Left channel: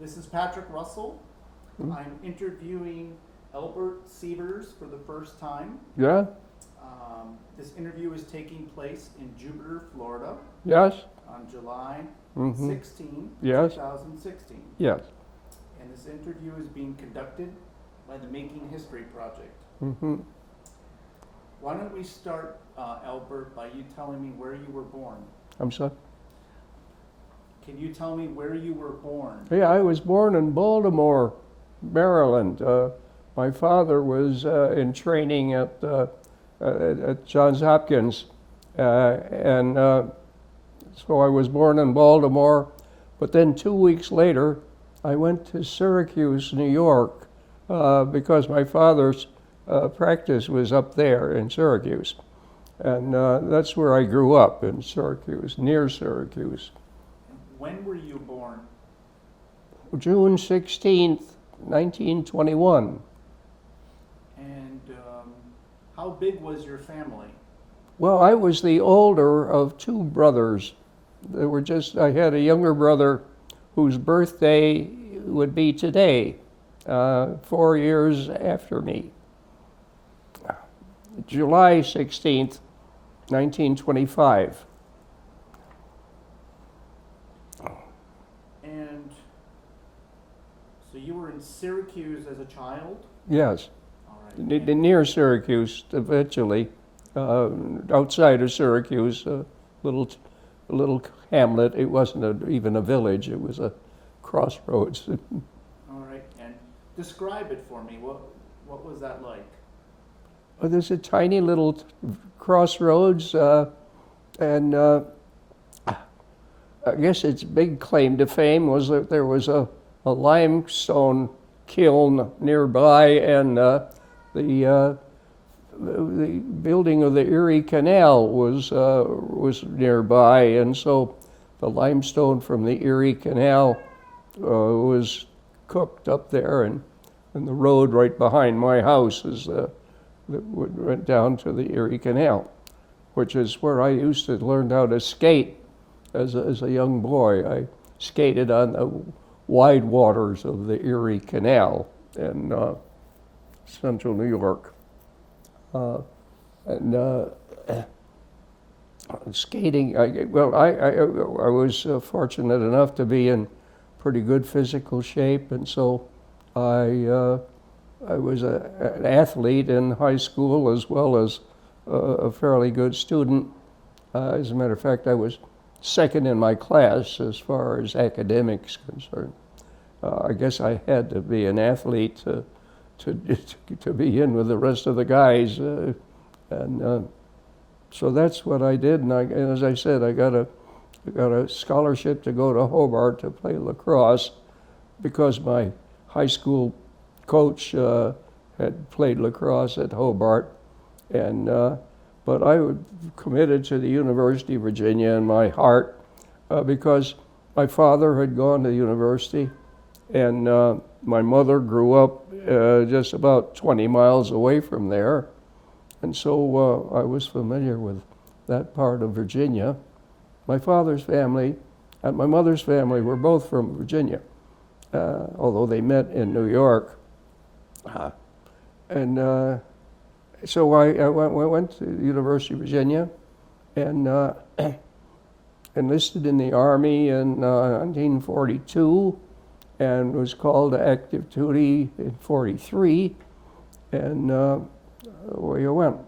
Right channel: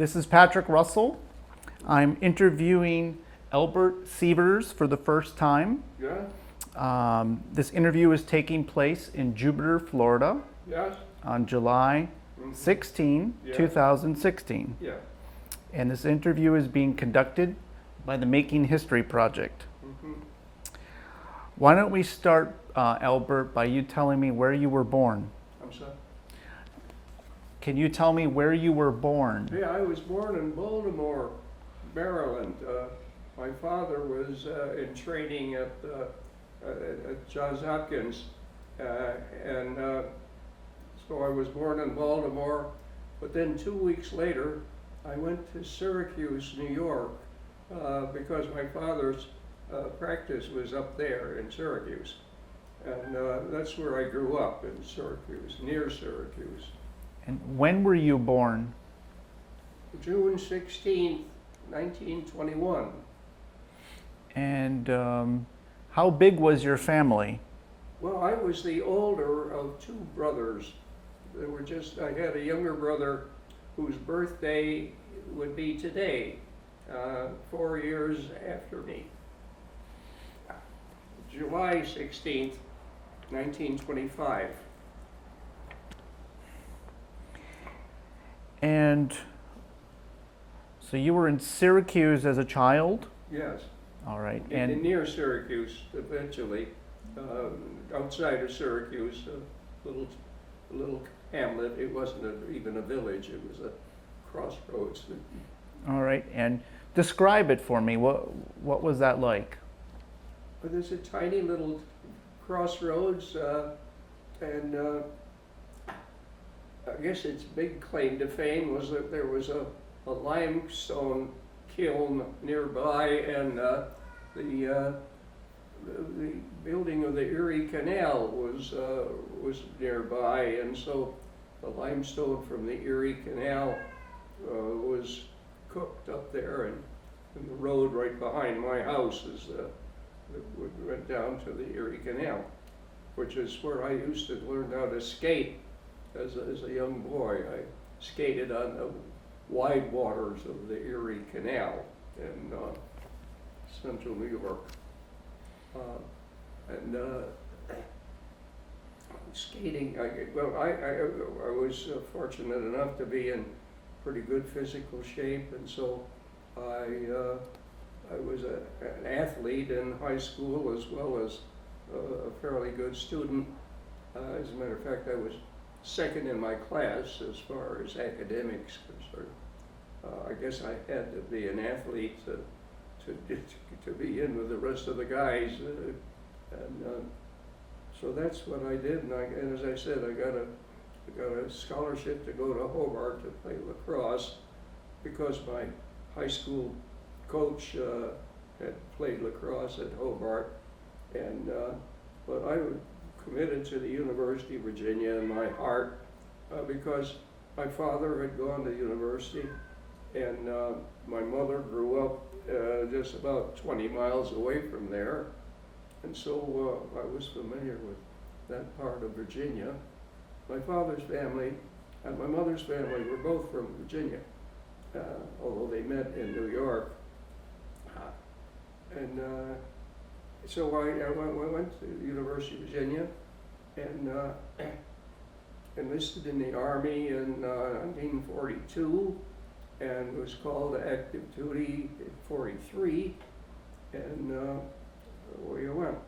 This is Patrick Russell. I'm interviewing Albert Siewers for the first time. Yeah? This interview is taking place in Jupiter, Florida Yes? on July 16, Yes. 2016. Yes. And this interview is being conducted by the Making History Project. Why don't we start, Albert, by you telling me where you were born? I'm sorry? Can you tell me where you were born? Yeah, I was born in Baltimore, Maryland. My father was in training at Johns Hopkins. And so I was born in Baltimore. But then 2 weeks later, I went to Syracuse, New York, because my father's practice was up there in Syracuse. And that's where I grew up, in Syracuse, near Syracuse. And when were you born? June 16th, 1921. And how big was your family? Well, I was the older of two brothers. I had a younger brother whose birthday would be today, 4 years after me. July 16th, 1925. And so you were in Syracuse as a child? Yes. All right. Near Syracuse, eventually, outside of Syracuse, a little hamlet. It wasn't even a village. It was a crossroads. All right. And describe it for me. What was that like? Well, there's a tiny little crossroads, and I guess its big claim to fame was that there was a limestone kiln nearby, and the building of the Erie Canal was nearby, and so the limestone from the Erie Canal was cooked up there, and the road right behind my house is that went down to the Erie Canal, which is where I used to learn how to skate. As a young boy, I skated on the wide waters of the Erie Canal in central New York. Skating, I was fortunate enough to be in pretty good physical shape, and so I was an athlete in high school as well as a fairly good student. As a matter of fact, I was second in my class as far as academics concerned. I guess I had to be an athlete to be in with the rest of the guys, and so that's what I did. And as I said, I got a scholarship to go to Hobart to play lacrosse because my high school coach had played lacrosse at Hobart, and but I was committed to the University of Virginia in my heart because my father had gone to university, and my mother grew up just about 20 miles away from there, and so I was familiar with that part of Virginia. My father's family and my mother's family were both from Virginia, although they met in New York. So I went to the University of Virginia and enlisted in the Army in 1942 and was called to active duty in 43, and away I went.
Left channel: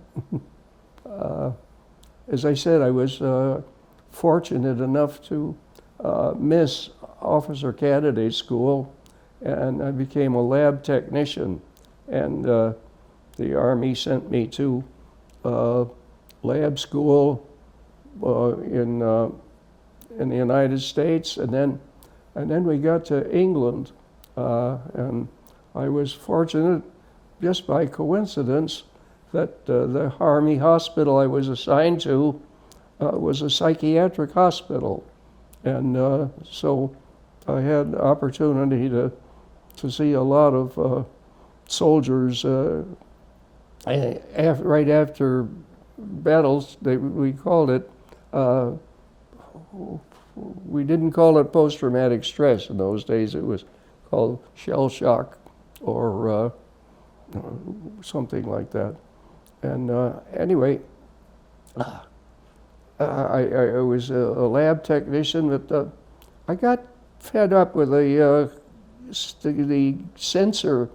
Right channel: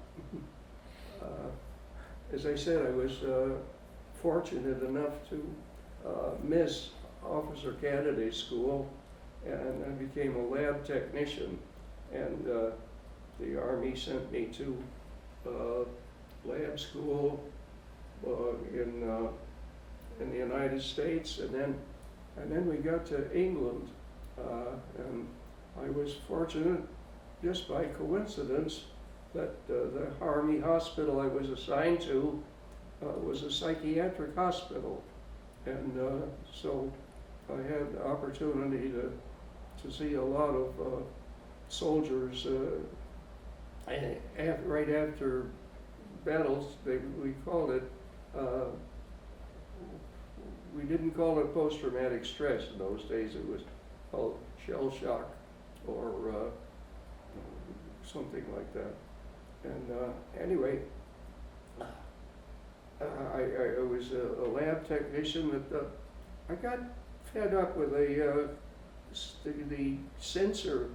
As I said, I was fortunate enough to miss officer candidate school, and I became a lab technician, and the Army sent me to lab school in the United States, and then we got to England, and I was fortunate, just by coincidence, that the Army hospital I was assigned to was a psychiatric hospital, and so I had the opportunity to see a lot of soldiers. Right after battles, we called it, we didn't call it post-traumatic stress in those days. It was called shellshock or something like that. And anyway, I was a lab technician, but I got fed up with the censor.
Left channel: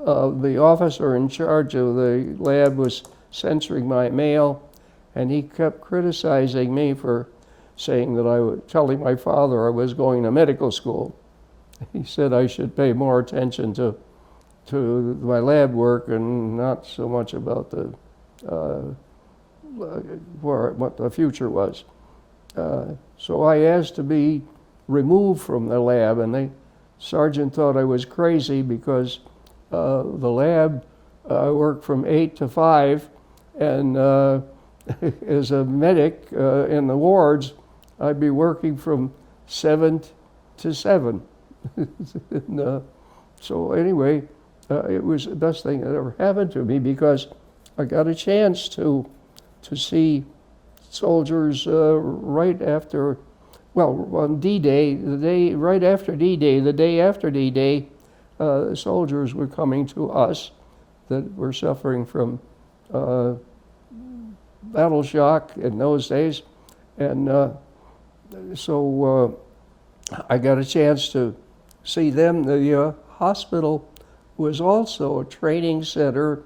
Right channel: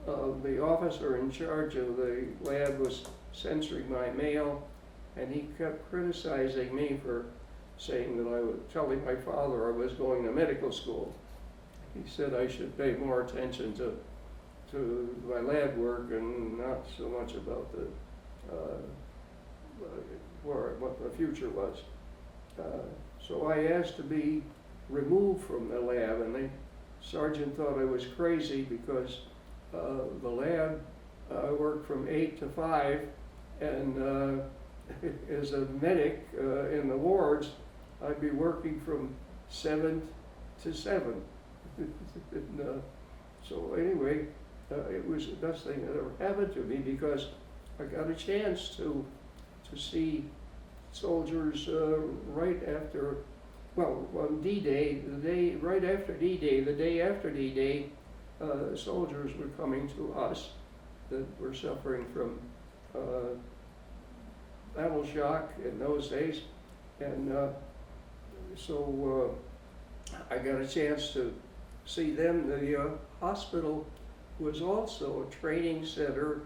The officer in charge of the lab was censoring my mail, and he kept criticizing me for saying that I was telling my father I was going to medical school. He said I should pay more attention to my lab work and not so much about the what the future was. So I asked to be removed from the lab, and the sergeant thought I was crazy because the lab worked from 8 to 5, and as a medic in the wards, I'd be working from 7 to 7. And, so anyway, it was the best thing that ever happened to me because I got a chance to see soldiers right after, well, on D-Day, the day right after D-Day, the day after D-Day, soldiers were coming to us that were suffering from battle shock in those days, and so I got a chance to see them. The hospital was also a training center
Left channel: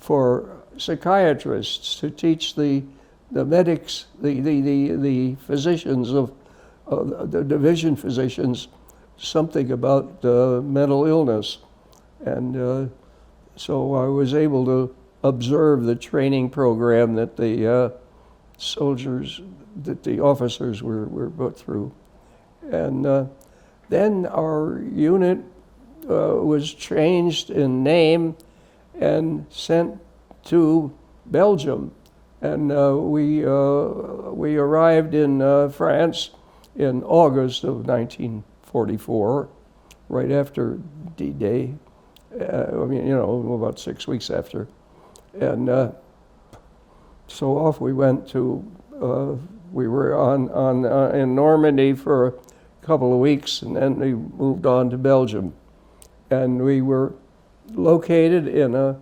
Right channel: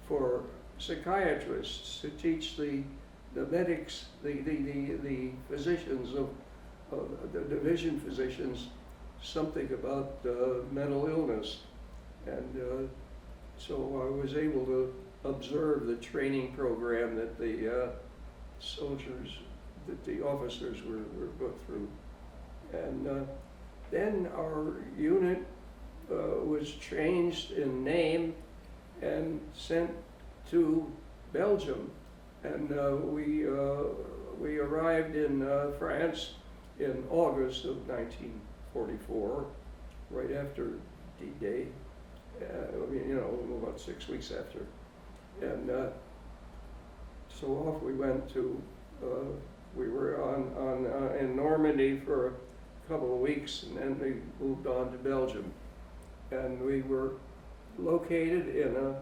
for psychiatrists to teach the medics, the physicians of the division physicians something about mental illness. And so I was able to observe the training program that the soldiers, that the officers were put through. And then our unit was changed in name and sent to Belgium. And we arrived in France in August of 1944, right after D-Day. I mean, you know, about 6 weeks after. And so off we went to, we were in Normandy for a couple of weeks, and then we moved on to Belgium. And we were located in a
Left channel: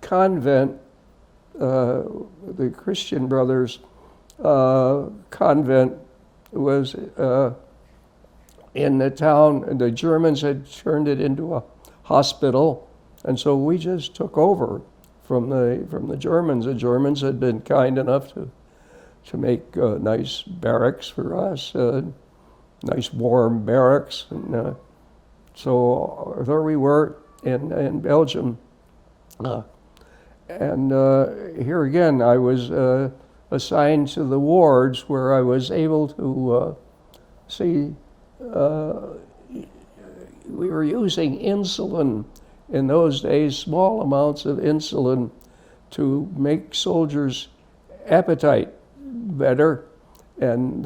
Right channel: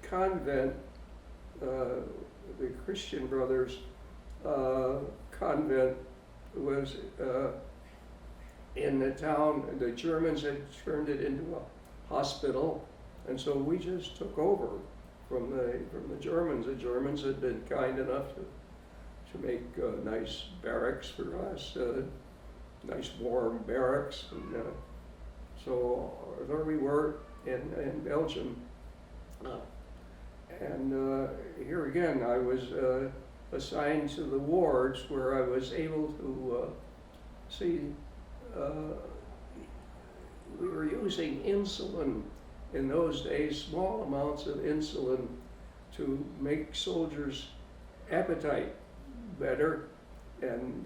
convent, the Christian Brothers convent was in the town, and the Germans had turned it into a hospital, and so we just took over from the Germans. The Germans had been kind enough to make nice barracks for us, nice warm barracks, and so there we were in Belgium. And here again, I was assigned to the wards where I was able to see, we were using insulin in those days, small amounts of insulin to make soldiers' appetite better. And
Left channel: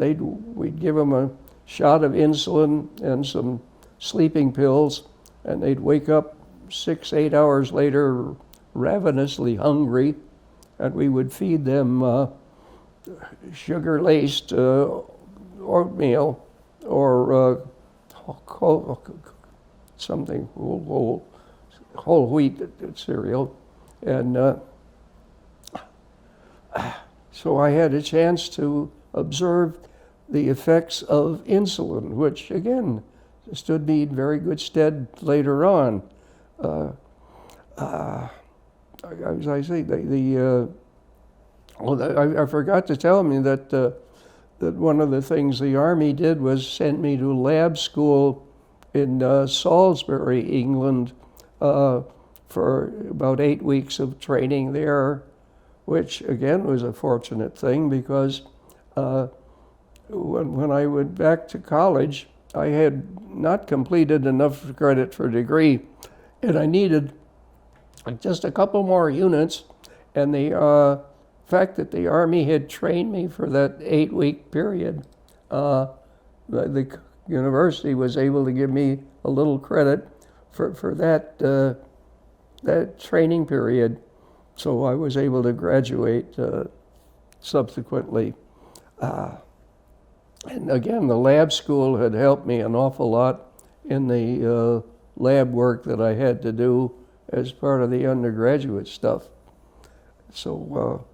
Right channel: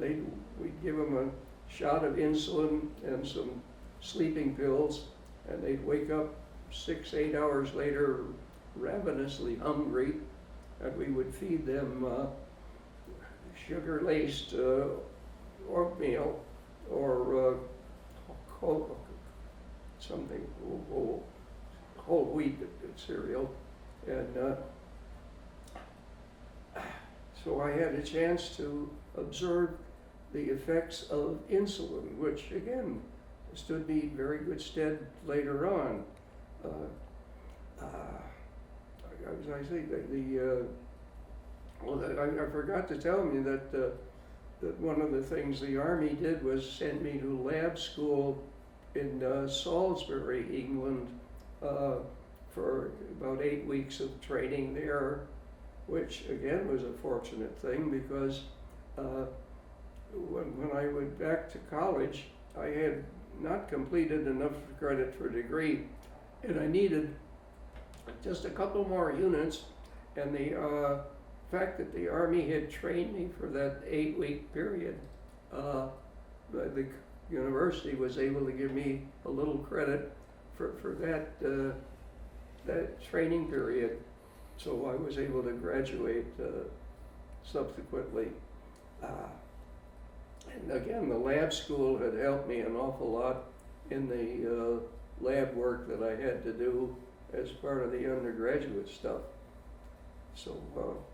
we'd give them a shot of insulin and some sleeping pills, and they'd wake up 6-8 hours later ravenously hungry, and we would feed them sugar-laced oatmeal or something, whole wheat cereal. And so I had a chance to observe the effects of insulin, which again stood me in very good stead later on. As I say, I forgot to tell me that that one of the things the Army did was send me to lab school in Salisbury, England, for about 8 weeks of training there, which again was a fortunate thing because when I went back to college, I had not completed enough credit for a degree, and I needed just a couple more units, and the fact that the Army had trained me for that 8-week period, the university was able to give me a little credit for that training period, so I was able to graduate subsequently. And again, the lab school had helped me an awful lot in the lab work that I had to do as part of the undergraduate stuff. So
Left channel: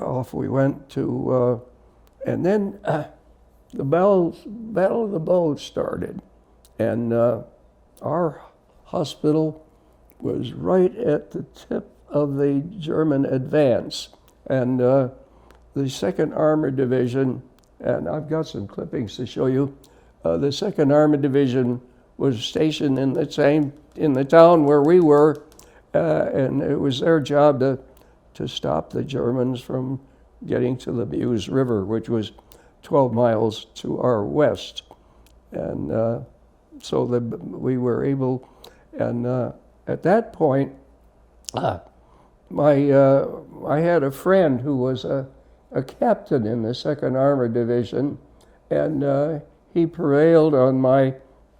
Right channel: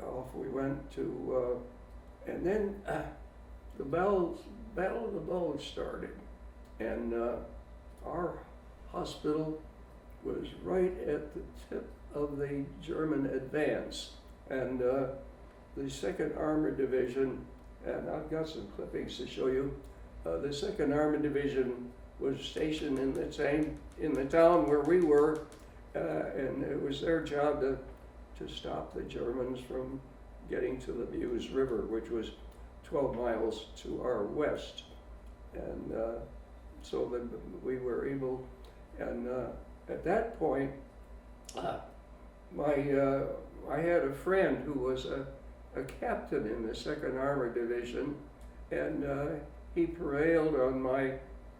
off we went to, and then the Battle of the Bulge started, and our hospital was right at the tip of the German advance, and the 2nd Armored Division, and I've got some clippings to show you. The 2nd Armored Division was stationed in the town where we were, and it was their job to stop the Germans from getting to the Meuse River, which was 12 miles to our west. And so we were able, and at that point, I had a friend who was a captain in the 2nd Armored Division, and he prevailed on my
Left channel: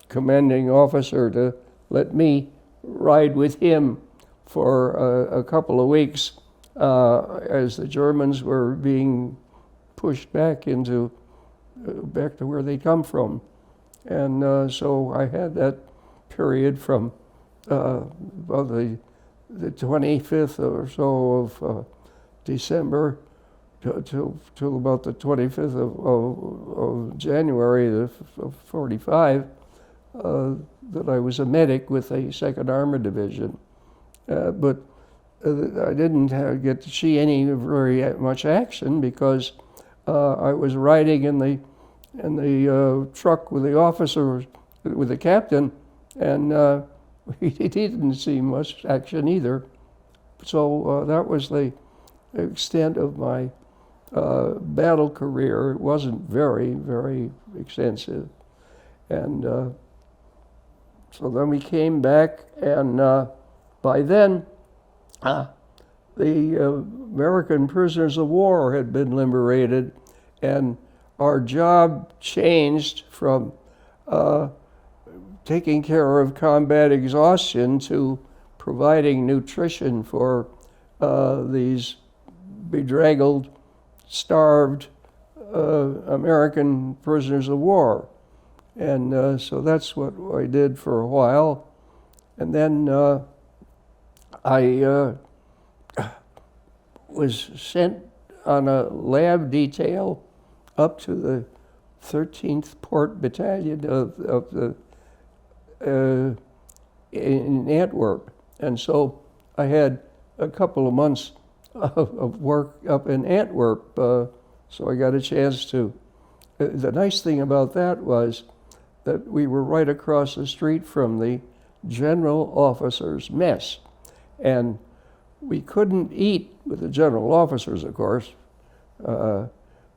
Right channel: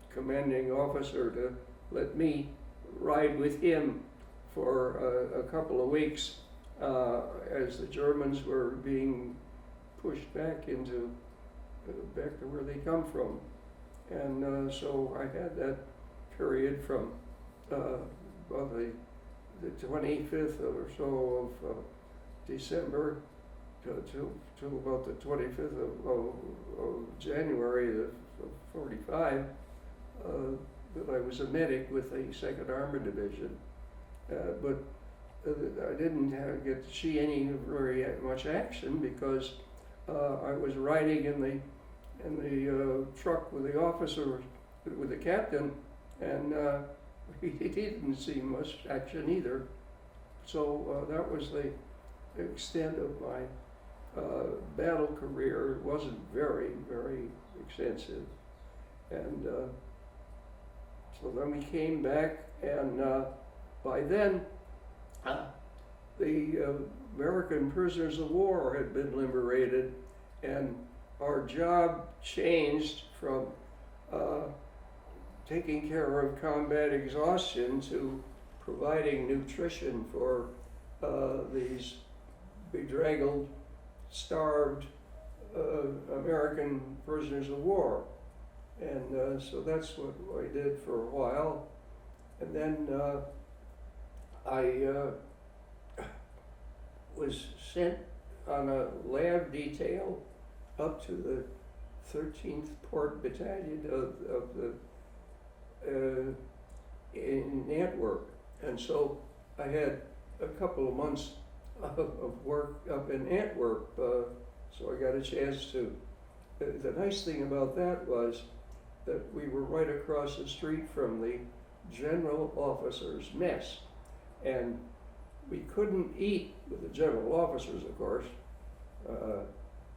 commanding officer to let me ride with him for a couple of weeks as the Germans were being pushed back to where they come from. And so I had that period from about the 25th or so of December till about the 25th of January of 45, that I was a medic with the 2nd Armored Division. But I didn't get to see any very much action because I was riding in the truck with the officer, with the captain, and he didn't see much action either. So that was the extent of my battle career. It wasn't very, very extensive. And so then we came back, and by then, the American prisoners of war had been liberated, and our job changed from taking care of combat exhaustion to providing nutrition for these bedraggled, starved American prisoners of war. And so that's what I did for a while. And then I was sent on a lab detail up to the 13th Port Battalion of the in Antwerp. And so I had a couple of months of work up in Antwerp, so I got a chance to. The nice thing about that was that we were right across the street from the general officers' mess, and we couldn't eat with the general officers, of course,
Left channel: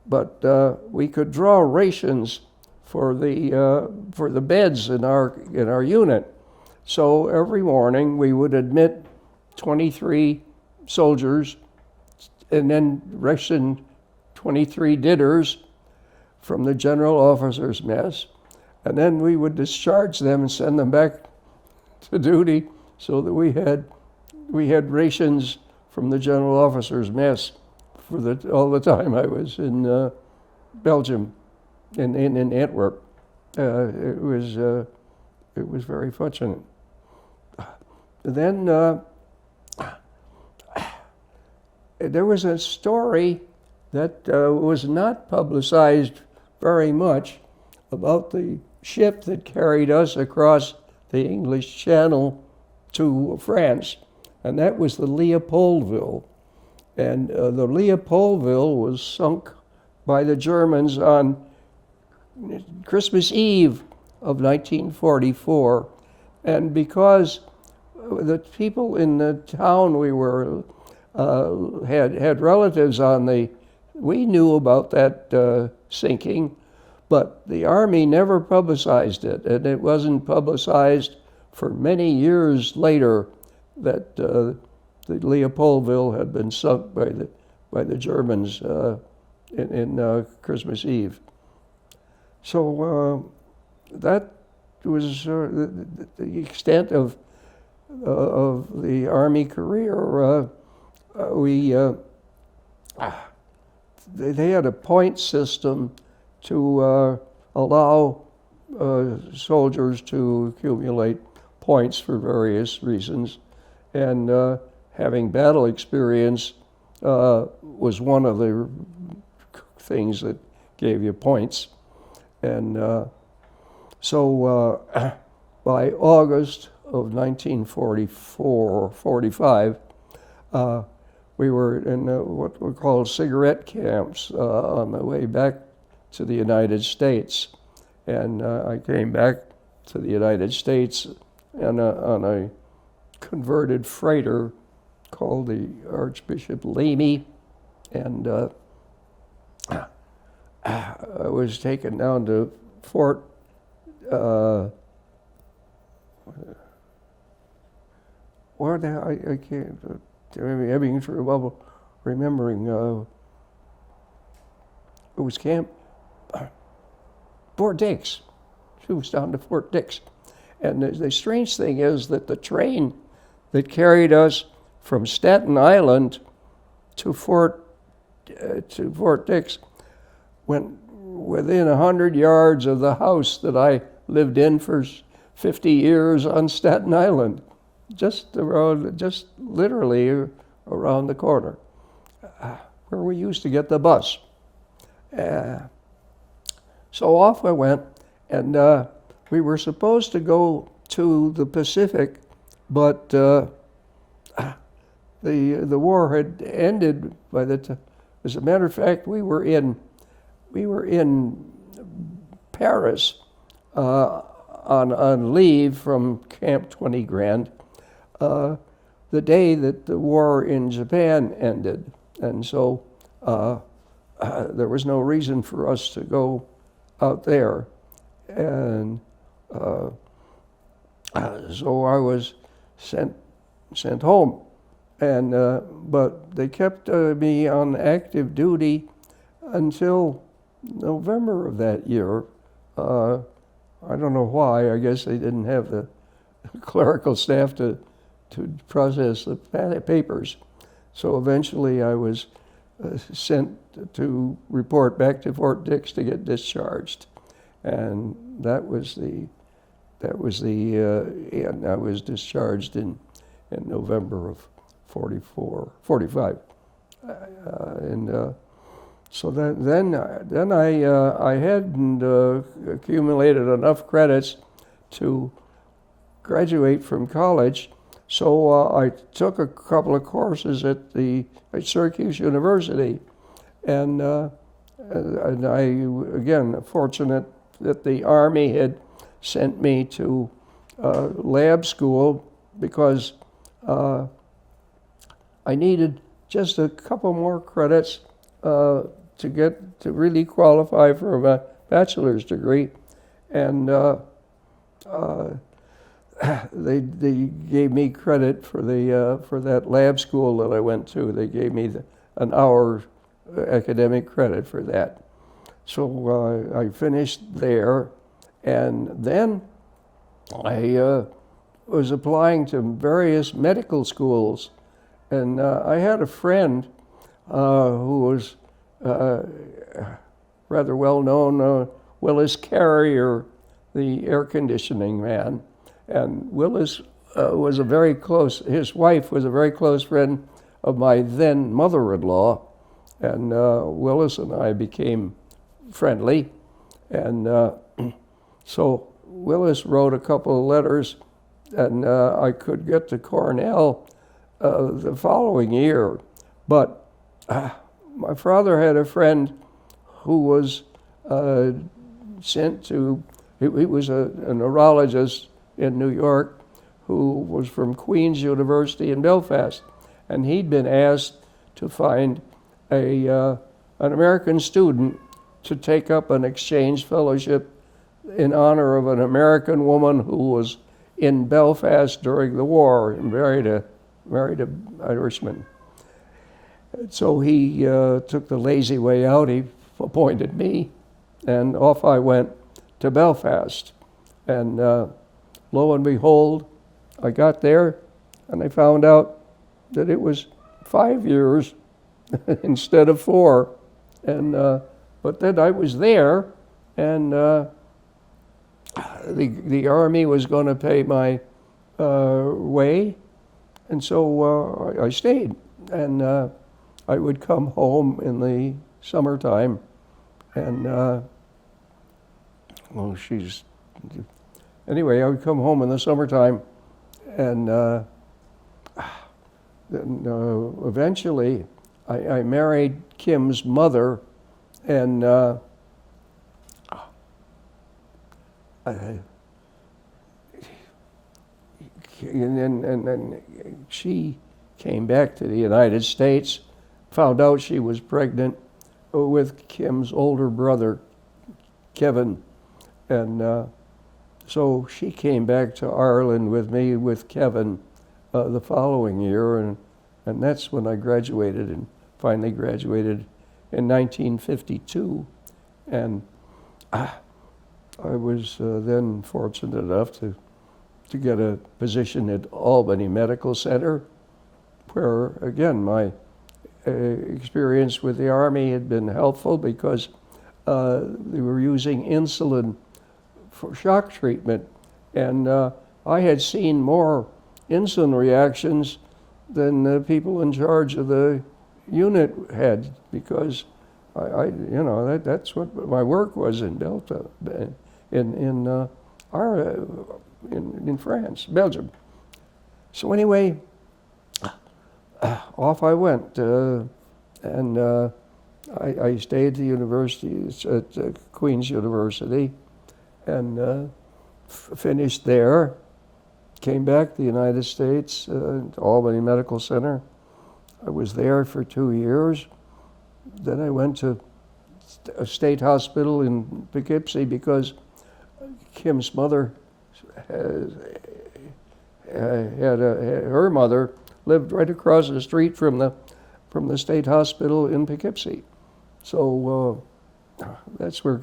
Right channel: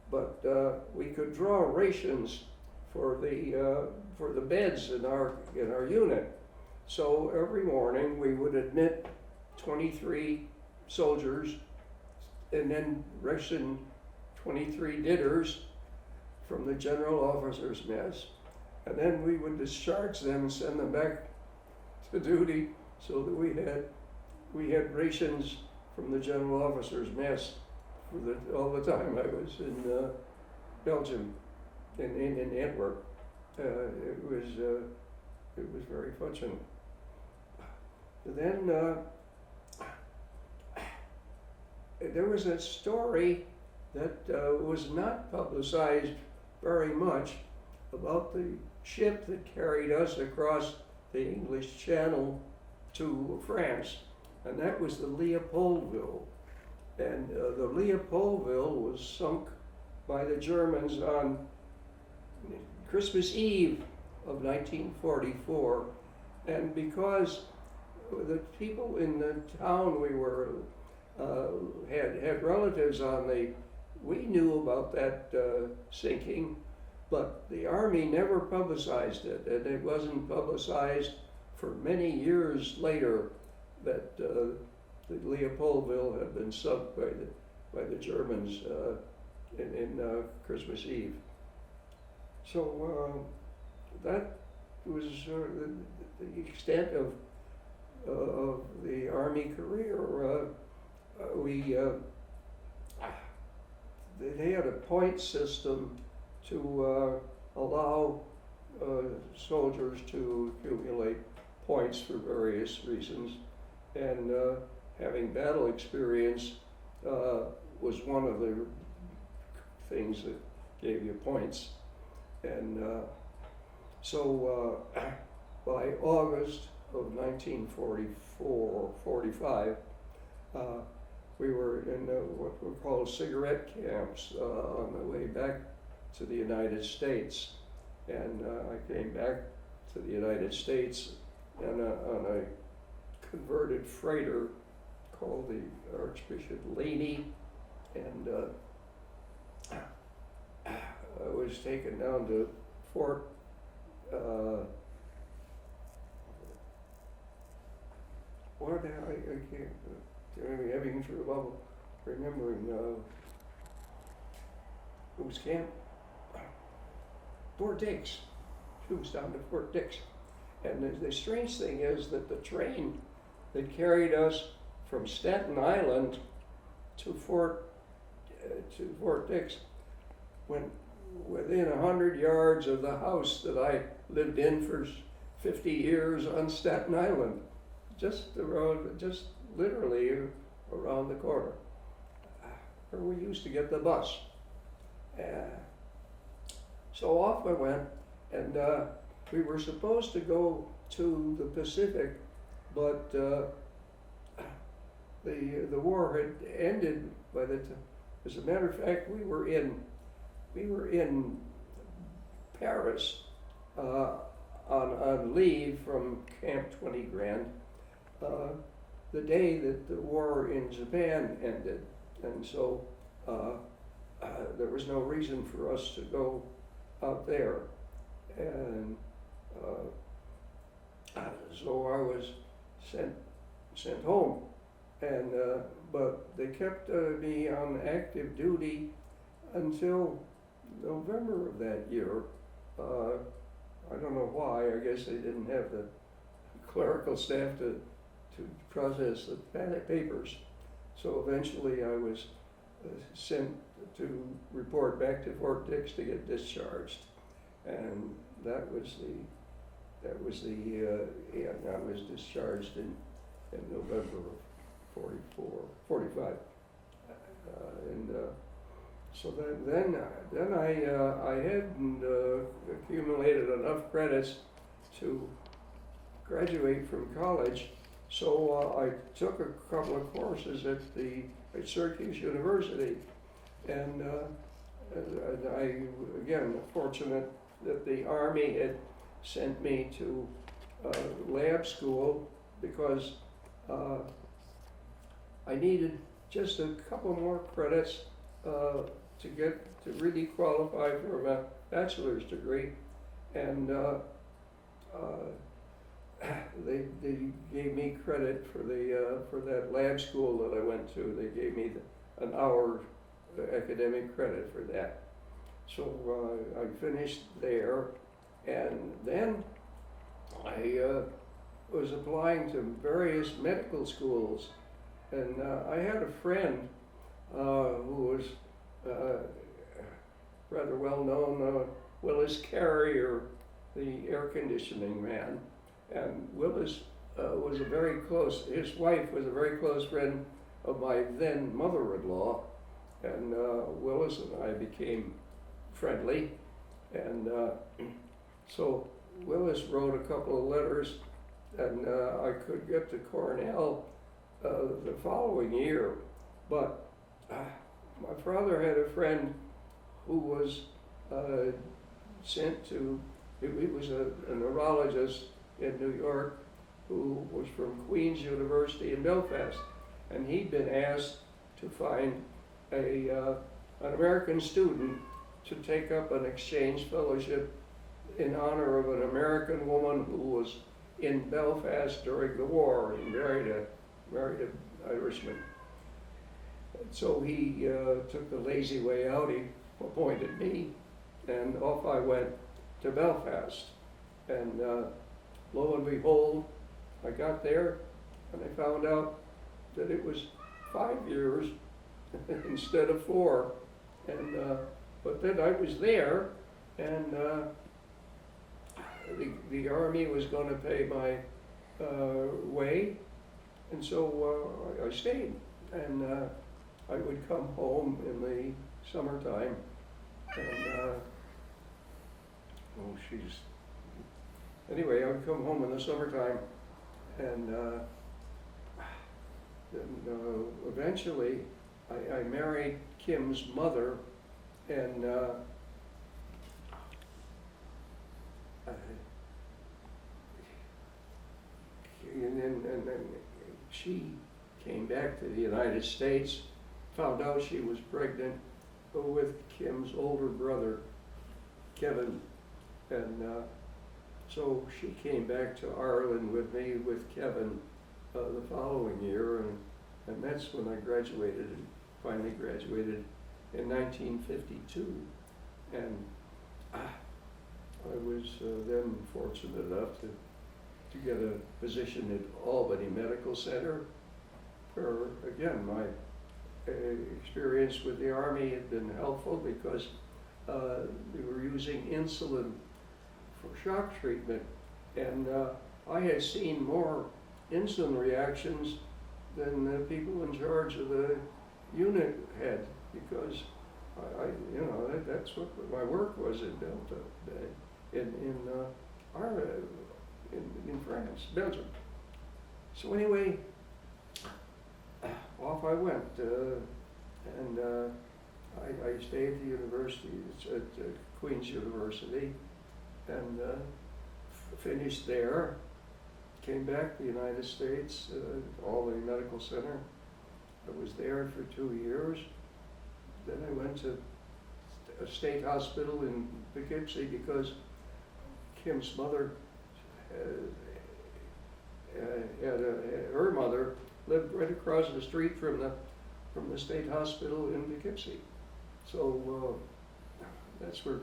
but we could draw rations for the beds in our unit. So every morning we would admit 23 soldiers and then ration 23 dinners from the general officers' mess, and then we would discharge them and send them back to duty, so that we had rations from the general officers' mess for all the time I was in Belgium, in Antwerp. It was very fortunate. Then there was a story that was not publicized very much about the ship that carried us across the English Channel to France, and that was the Leopoldville. And the Leopoldville was sunk by the Germans on Christmas Eve of 1944, and because the people in the town we were had relatives on we knew about that sinking, but the Army never publicized it, and it wasn't publicized for many years later that the Leopoldville had been sunk by the Germans in Christmas Eve. So that was the extent of the Army career. They had a point system to allow soldiers to accumulate points for various reasons, and having battle experience was one of the things that gave you points. And so by August of 1944-45, we were in what were called cigarette camps on the way back to the United States. And I came back to the United States on a converted freighter called the Archbishop Lamy, and I was taken down to Fort where the I can't I'm having trouble remembering. It was Camp Fort Dix. She was down to Fort Dix, and the strange thing is that the train that carried us from Staten Island to Fort Dix went within 100 yards of the house that I lived in for 50 years on Staten Island, just literally around the corner, where we used to get the bus. So off I went, and we were supposed to go to the Pacific, but the war had ended by the time. As a matter of fact, we were in Paris on leave from Camp 20 Grand the day that the war in Japan ended, and so there was no reason for us to go out there, and so I was sent home, and but they kept me on active duty until November of that year. I don't know why. I guess they didn't have the clerical staff to process the papers. So eventually I was sent to report back to Fort Dix to get discharged, and that was the and I was discharged in November of 45, and so then I hadn't accumulated enough credits to graduate from college, so I took a couple of courses at Syracuse University, and I again fortunate that the Army had sent me to lab school because I needed just a couple more credits to really qualify for a bachelor's degree, and they gave me credit for that lab school that I went to. They gave me an hour academic credit for that. So I finished there, and then I was applying to various medical schools, and I had a friend who was rather well known, Willis Carrier, the air conditioning man. And Willis was his wife was a very close friend of my then mother-in-law, and Willis and I became friendly. And so Willis wrote a couple of letters, and I could get to Cornell the following year. But my father had a friend who was sent to, he was a neurologist in New York who was from Queen's University in Belfast, and he'd been asked to find an American student to take up an exchange fellowship in honor of an American woman who was in Belfast during the war and married a Irishman. So he took the lazy way out. He appointed me, and off I went to Belfast. And lo and behold, I got there, and I found out that it was 5 years instead of 4. And but then I was there, and the Army was going to pay my way, and so I stayed. And I would come home in the summertime, and well, anyway, I would come home in the summertime, and then, eventually I married Kim's mother, and then she came back to the United States, found out she was pregnant with Kim's older brother, Kevin, and so she came back to Ireland with me, with Kevin, the following year, and that's when I graduated, and finally graduated in 1952, and I was then fortunate enough to get a position at Albany Medical Center, where again my experience with the Army had been helpful because they were using insulin for shock treatment, and I had seen more insulin reactions than the people in charge of the unit had, because that's what my work was in Delta, in France, Belgium. So anyway, off I went, and I stayed at the university, at Queen's University, and finished there. Came back to the United States, Albany Medical Center. I was there for 2 years. Then I went to a state hospital in Poughkeepsie because Kim's mother her mother lived right across the street from the state hospital in Poughkeepsie. So that's where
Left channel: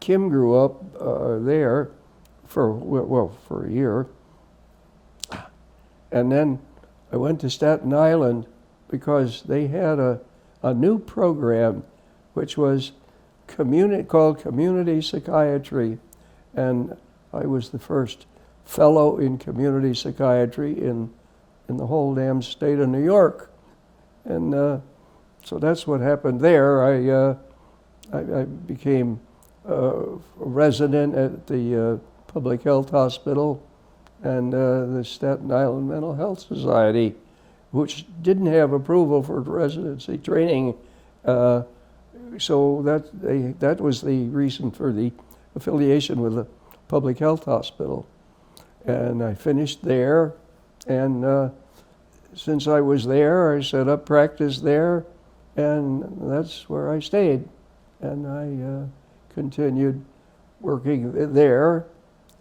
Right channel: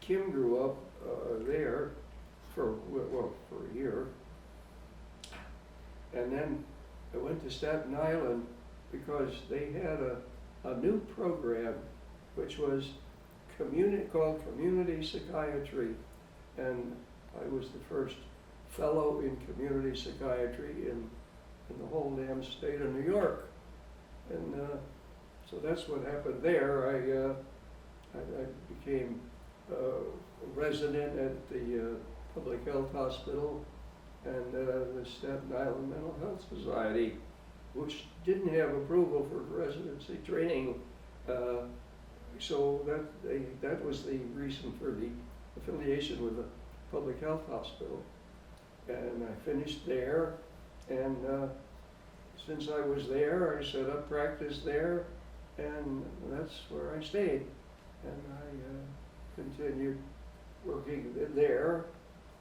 Kim grew up there for a year. And then I went to Staten Island because they had a new program which was called community psychiatry, and I was the first fellow in community psychiatry in the whole damn state of New York. And so that's what happened there. I became a resident at the public health hospital and the Staten Island Mental Health Society, which didn't have approval for residency training. So that was the reason for the affiliation with the public health hospital. And I finished there, and since I was there, I set up practice there, and that's where I stayed. And I continued working there,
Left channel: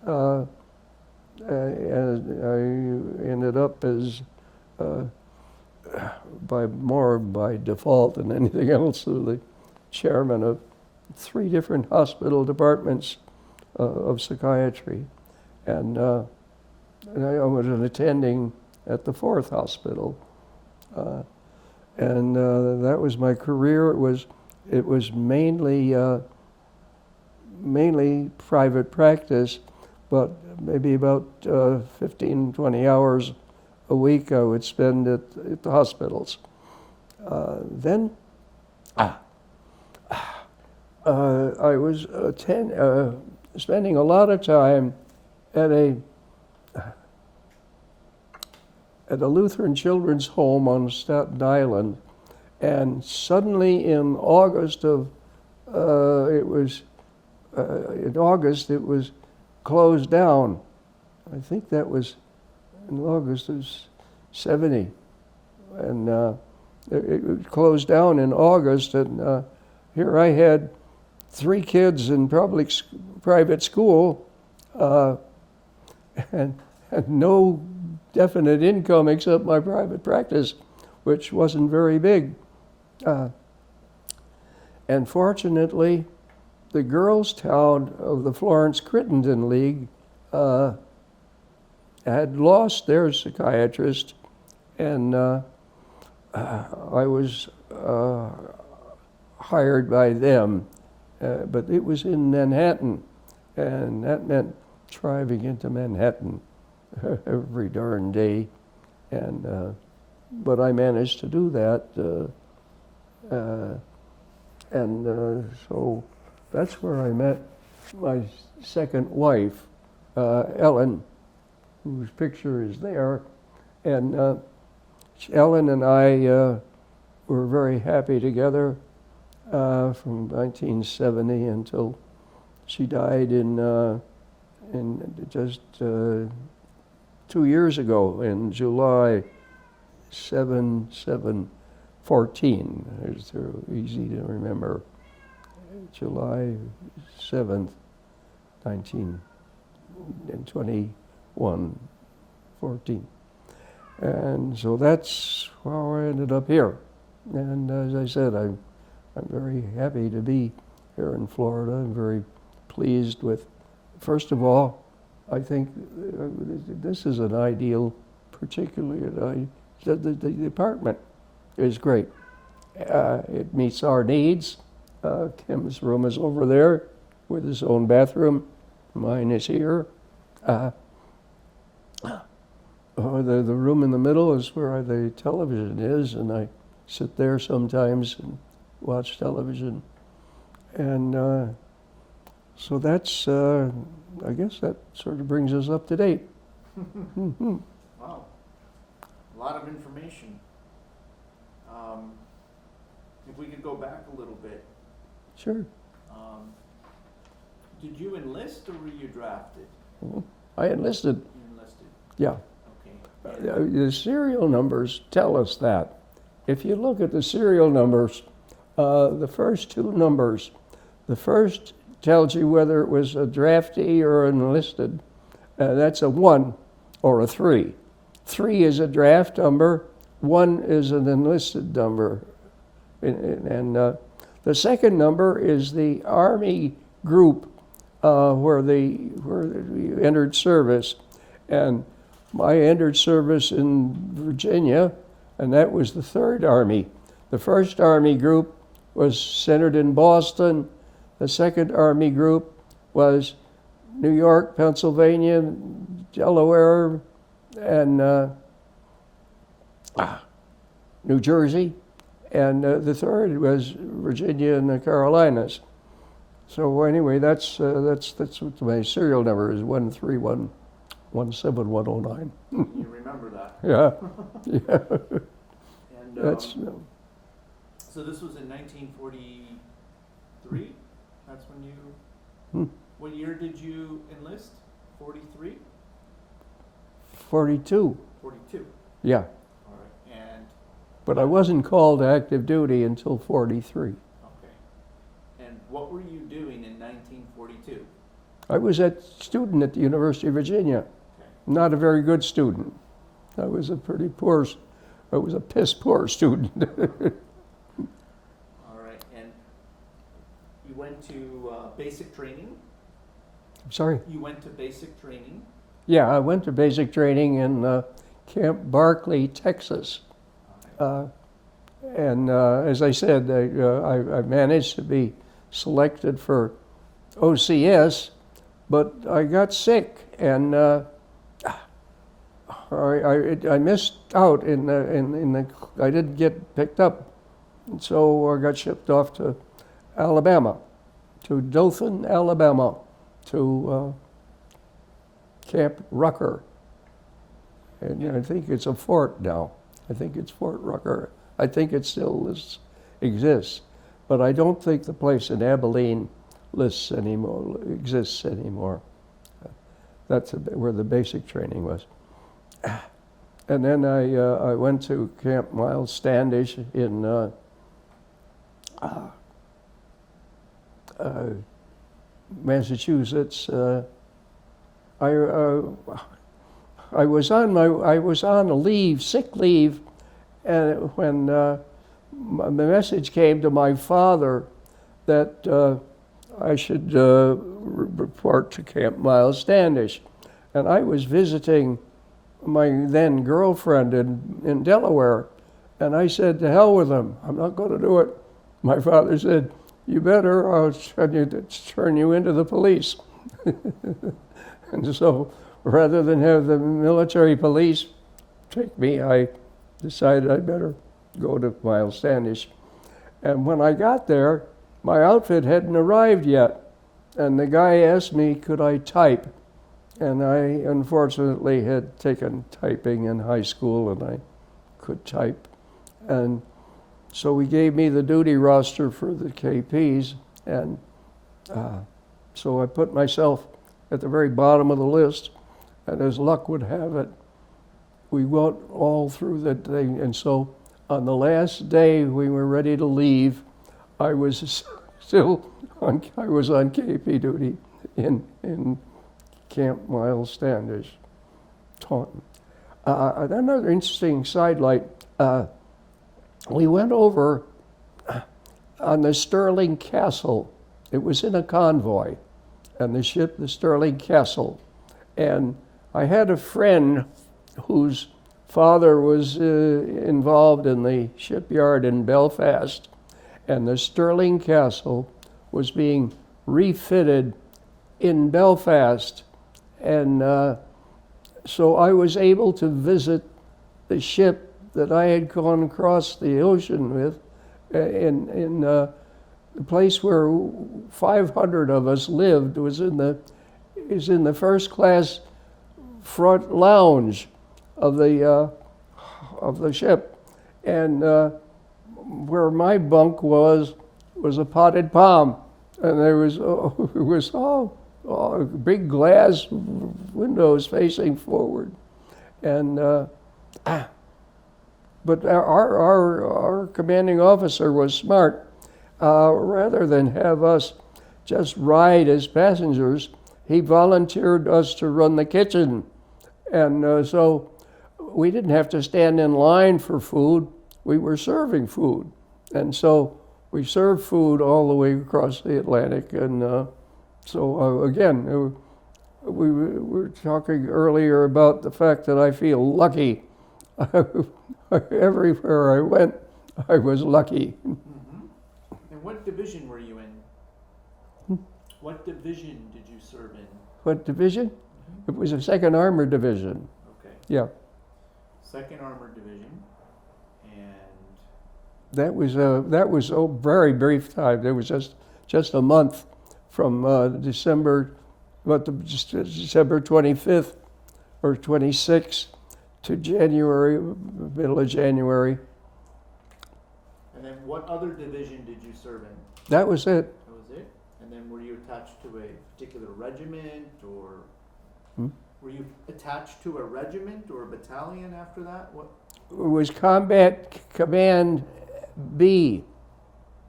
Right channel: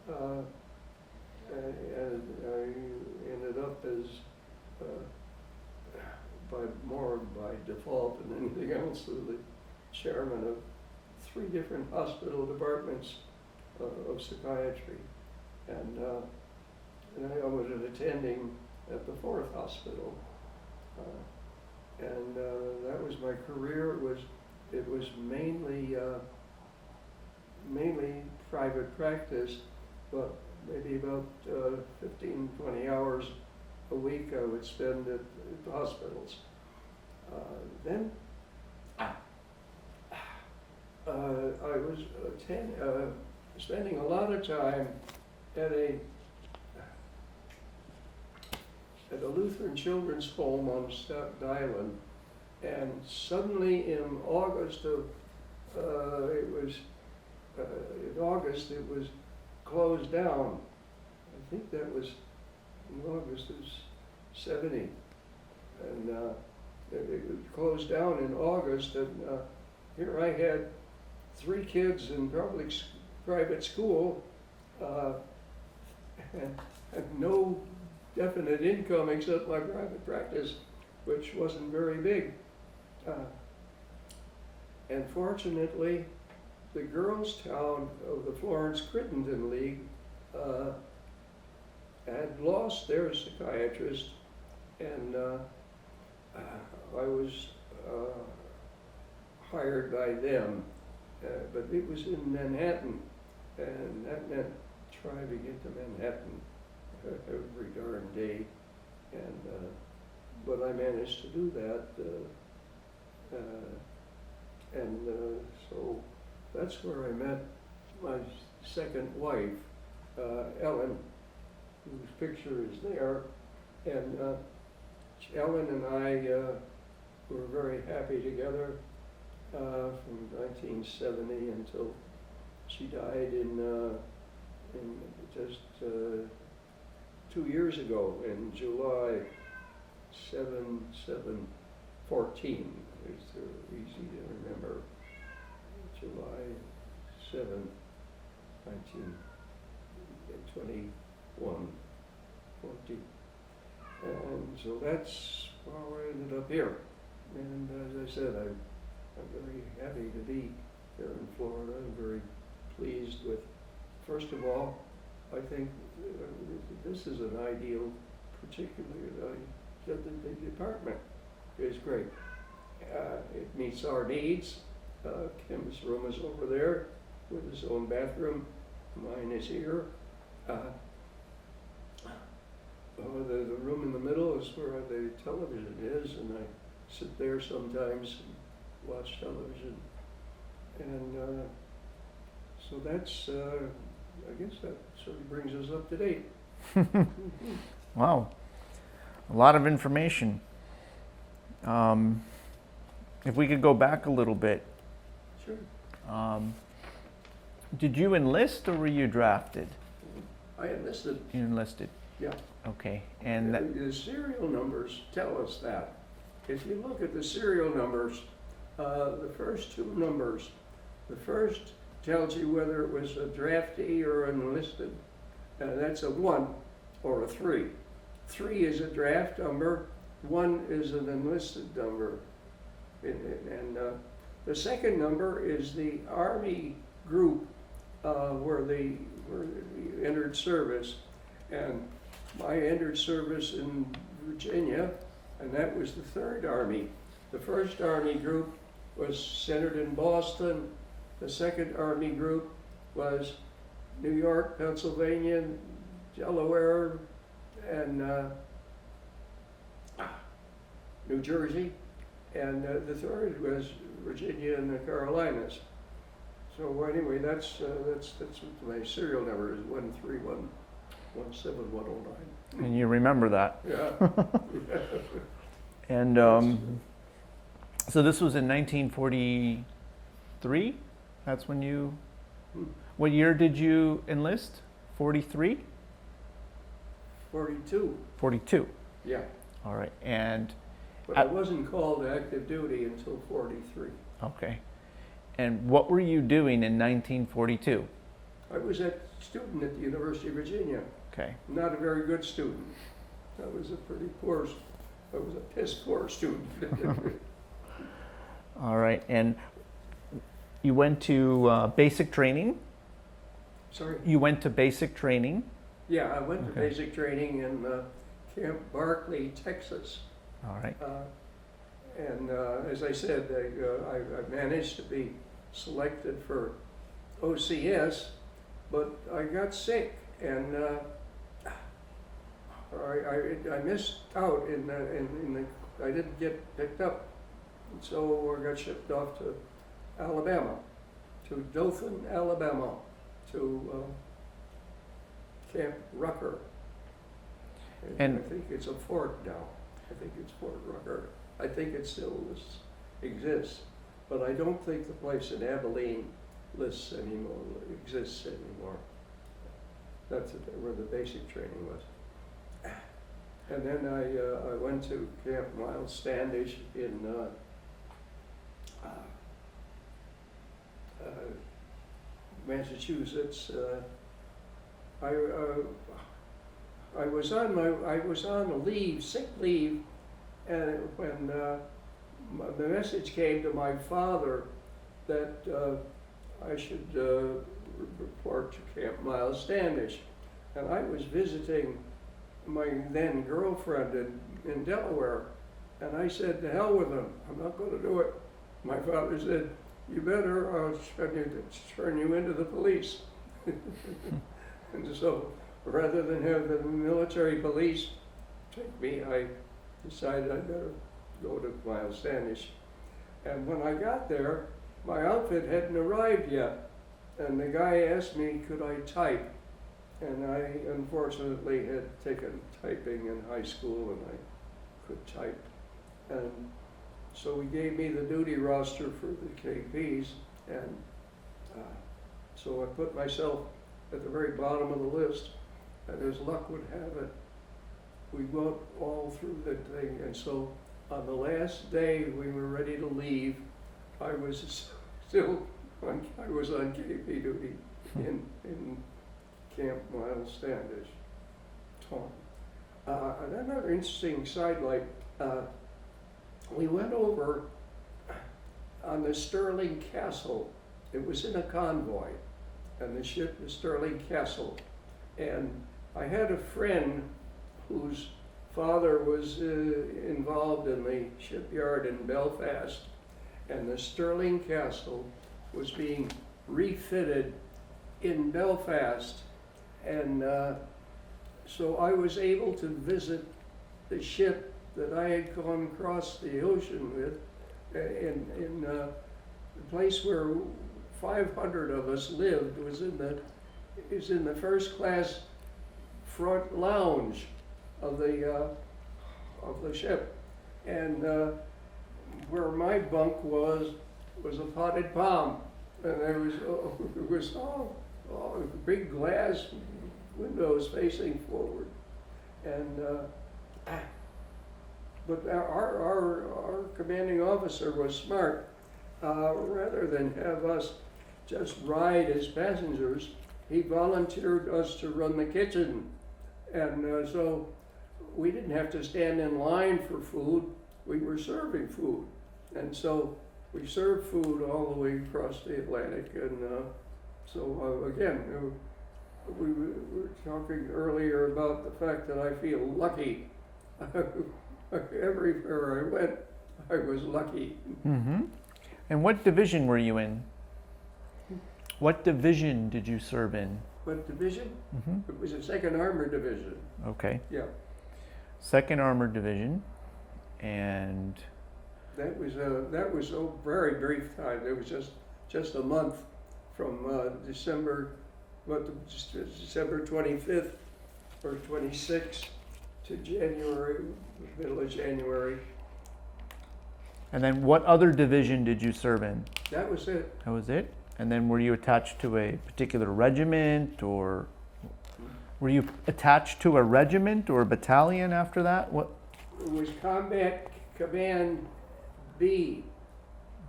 and I ended up as, more by default than anything else, the chairman of 3 different hospital departments of psychiatry. And I was an attending at the 4th hospital. And that was my career. It was mainly private practice, but maybe about 15, 20 hours a week I would spend at the hospitals. Then I was spending a lot of time at a Lutheran children's home on Staten Island, and suddenly in August it was closed down. I think that was in August of '70, and it closed down in August, and here I had 3 kids in private school, and no definite income except my private practice, which wasn't very big. And fortunately, the girls' town of the Florence Crittenden League had lost their psychiatrist, and I was hired by them, but it was in Manhattan, and that meant driving into Manhattan every darn day. And but I managed to do that, so that's where I met my second wife, Ellen, whose picture is there. And Ellen and I were very happy together from 1970 until she died in just 2 years ago, in July 7/7/14. It's easy to remember. July 7th, 1921/14. And so that's how I ended up here. And as I said, I'm very happy to be here in Florida. I'm very pleased with, first of all, I think this is an ideal, particularly the department is great. It meets our needs. Kim's room is over there with his own bathroom. Mine is here. The room in the middle is where the television is, and I sit there sometimes and watch television. And so that's, I guess that sort of brings us up to date. Wow, a lot of information. If we could go back a little bit. Sure. Did you enlist or were you drafted? I enlisted. You enlisted. Yeah. Okay. And The serial numbers tell us that. If you look at the serial numbers, the first two numbers, the first tells you whether it was a draftee or an enlisted. That's a 1 or a 3. 3 is a draft number, 1 is an enlisted number. And the second number is the Army group where you entered service. And I entered service in Virginia, and that was the 3rd Army. The 1st Army group was centered in Boston. The 2nd Army group was New York, Pennsylvania, Delaware, and New Jersey. And the 3rd was Virginia and the Carolinas. So anyway, that's what my serial number is, 131171009. and you remember that. Yeah. Yeah. And so this was in 1943? That's when you... What year did you enlist? 43? 42. 42. Yeah. All right. And... But I wasn't called to active duty until 43. Okay. And what were you doing in 1942? I was a student at the University of Virginia. Okay. Not a very good student. I was a piss poor student. All right. And you went to basic training? Sorry? You went to basic training? Yeah, I went to basic training in Camp Barkley, Texas. All right. And as I said, I managed to be selected for OCS, but I got sick, and I missed out in the I didn't get picked up, and so I got shipped off to Alabama, to Dothan, Alabama, to Camp Rucker, and I think it's a fort now. I think it's Fort Rucker. I think it still exists, but I don't think the place in Abilene exists anymore. That's where the basic training was. And then I went to Camp Miles Standish in Massachusetts. I was on a leave, sick leave, and when the message came to my father that I should report to Camp Miles Standish, and I was visiting my then girlfriend in Delaware, and I said, to hell with him, I'm not going to do it. My father said, you better, I'll turn you into the police. And so rather than have the military police take me, I decided I'd better go to Miles Standish. And when I got there, my outfit hadn't arrived yet. And the guy asked me, could I type? And I unfortunately had taken typing in high school and I could type. And so he gave me the duty roster for the KPs. And so I put myself at the very bottom of the list. And as luck would have it, we went all through the thing. And so on the last day we were ready to leave, I was still on KP duty in Camp Miles Standish, Taunton. Another interesting sidelight, we went over on the Sterling Castle. It was in a convoy, and the ship, the Sterling Castle. And I had a friend whose father was involved in the shipyard in Belfast, and the Sterling Castle was being refitted in Belfast. And so I was able to visit the ship that I had gone across the ocean with in the place where 500 of us lived was in the first class front lounge of the ship, and where my bunk was a potted palm, and there was big glass windows facing forward, and but our commanding officer was smart. Rather than have us just ride as passengers, he volunteered us to run the kitchen, and so we didn't have to stand in line for food. We were serving food, and so we served food all the way across the Atlantic. And so again, we were talking earlier about the fact that I feel lucky. Everywhere I went, I was lucky. Mm-hmm. And what division were you in? What division did you serve in? What division? Mm-hmm. It was a 2nd Armored Division. Okay. Yeah. 2nd Armored Division, and That was a very brief time. There was just a month from December 25th or 26th to January, middle of January. And then what other division did you serve in? That was it. That was it? And then were you attached to a particular regiment, or were you attached to a regiment or a battalion after that? What? It was Combat Command B,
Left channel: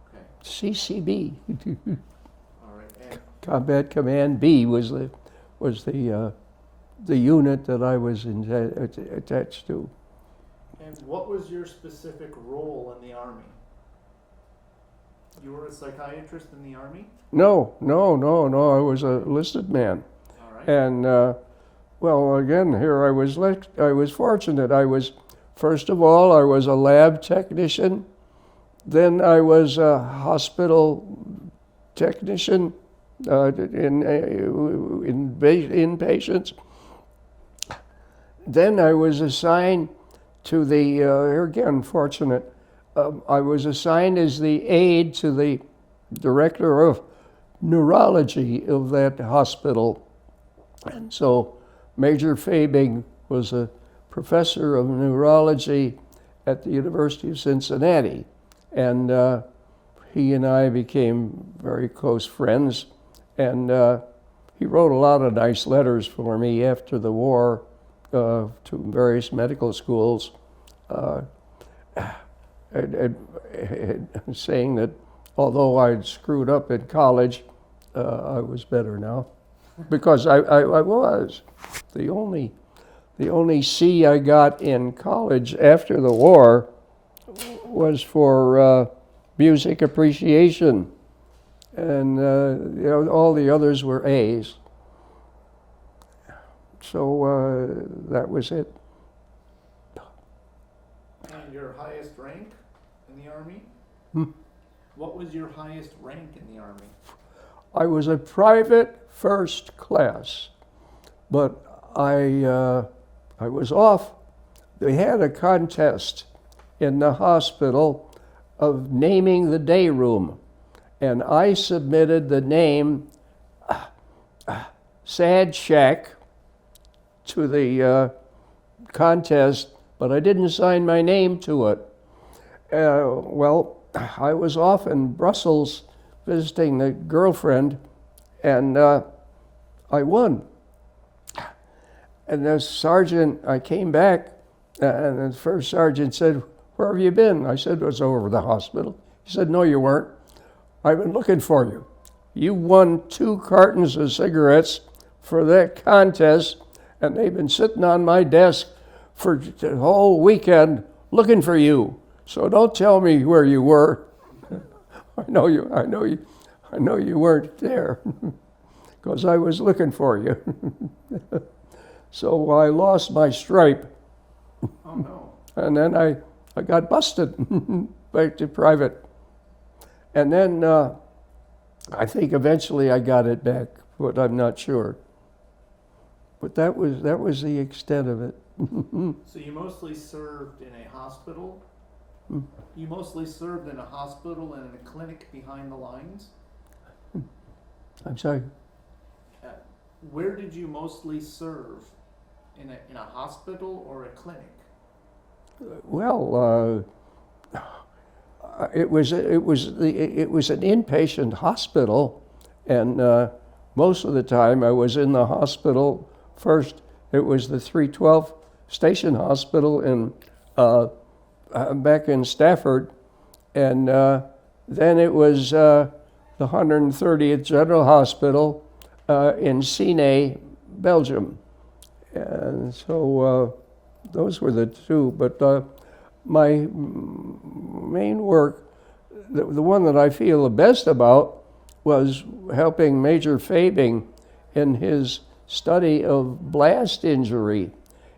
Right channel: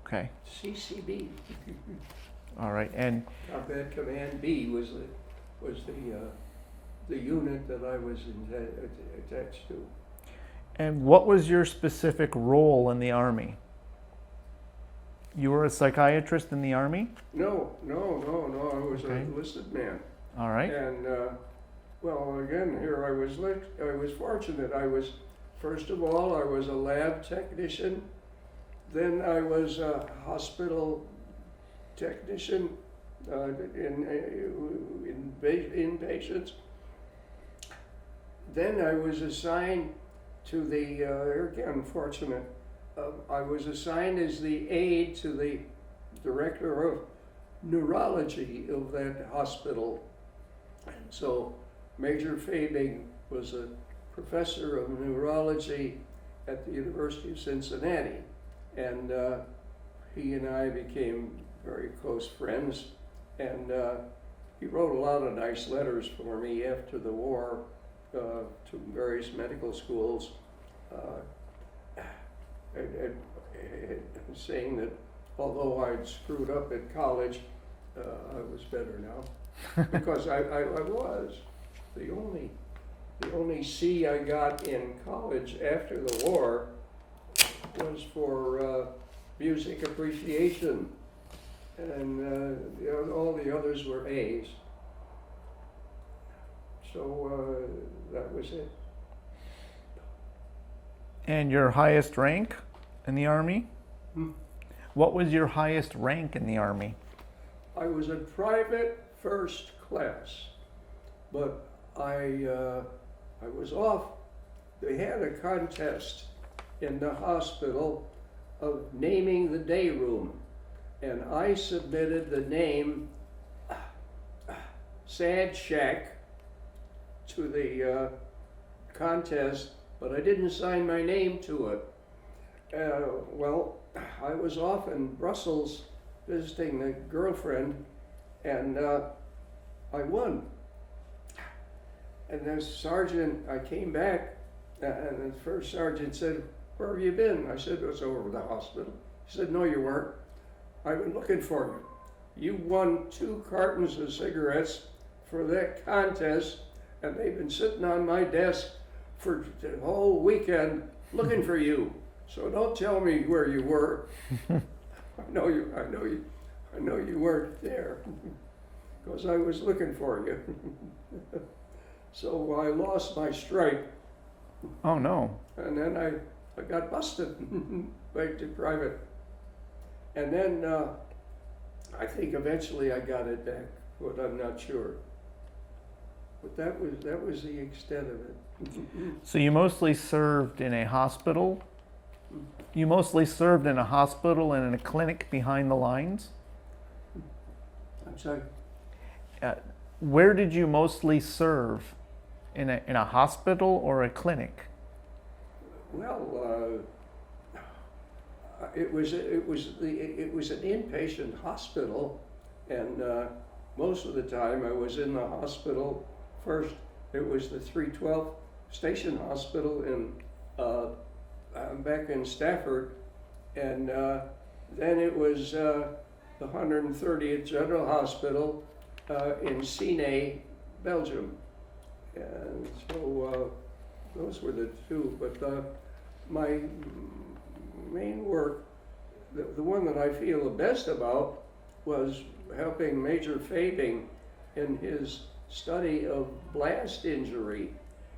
Okay. CCB. All right. And Combat Command B was the unit that I was attached to. and what was your specific role in the Army? You were a psychiatrist in the Army? No. I was a enlisted man. All right. And well, again, here I was fortunate. First of all, I was a lab technician. Then I was a hospital technician in patients. Then I was assigned to the, here again, fortunate, I was assigned as the aide to the director of neurology of that hospital. And so Major Fabing was a professor of neurology at the University of Cincinnati. And he and I became very close friends. And he wrote a lot of nice letters for me after the war to various medical schools, saying that although I'd screwed up in college, I was better now. Because I was. The only C I got in college after the war was for music appreciation, and all the others were A's. So that was it. And your highest rank in the Army? What was your highest rank in the Army? I was a private first class. But I was off. They had a contest in the hospital of naming the day room, and I submitted the name Sad Shack to the contest, but I didn't sign my name to it. Well, I was off in Brussels visiting the girlfriend, and I won. And the sergeant, I came back, and the first sergeant said, "Where have you been?" I said, "I was over the hospital." He said, "No, you weren't. I've been looking for you. You won 2 cartons of cigarettes for that contest, and they've been sitting on my desk for the whole weekend looking for you. So don't tell me where you were. I know you weren't there, because I was looking for you." So I lost my stripe, Oh no. and then I got busted back to private. And then I think eventually I got it back, but I'm not sure. But that was the extent of it. So you mostly served in a hospital? You mostly served in a hospital and in a clinic behind the lines? I'm sorry. Where did you mostly serve? In a hospital or a clinic? Well, it was an inpatient hospital, and most of the time I was in the hospital. First, it was the 312 Station Hospital in back in Stafford, and then it was the 130th General Hospital in Sine, Belgium. And so those were the 2. But my main work, the one that I feel the best about, was helping Major Fabing in his study of blast injury.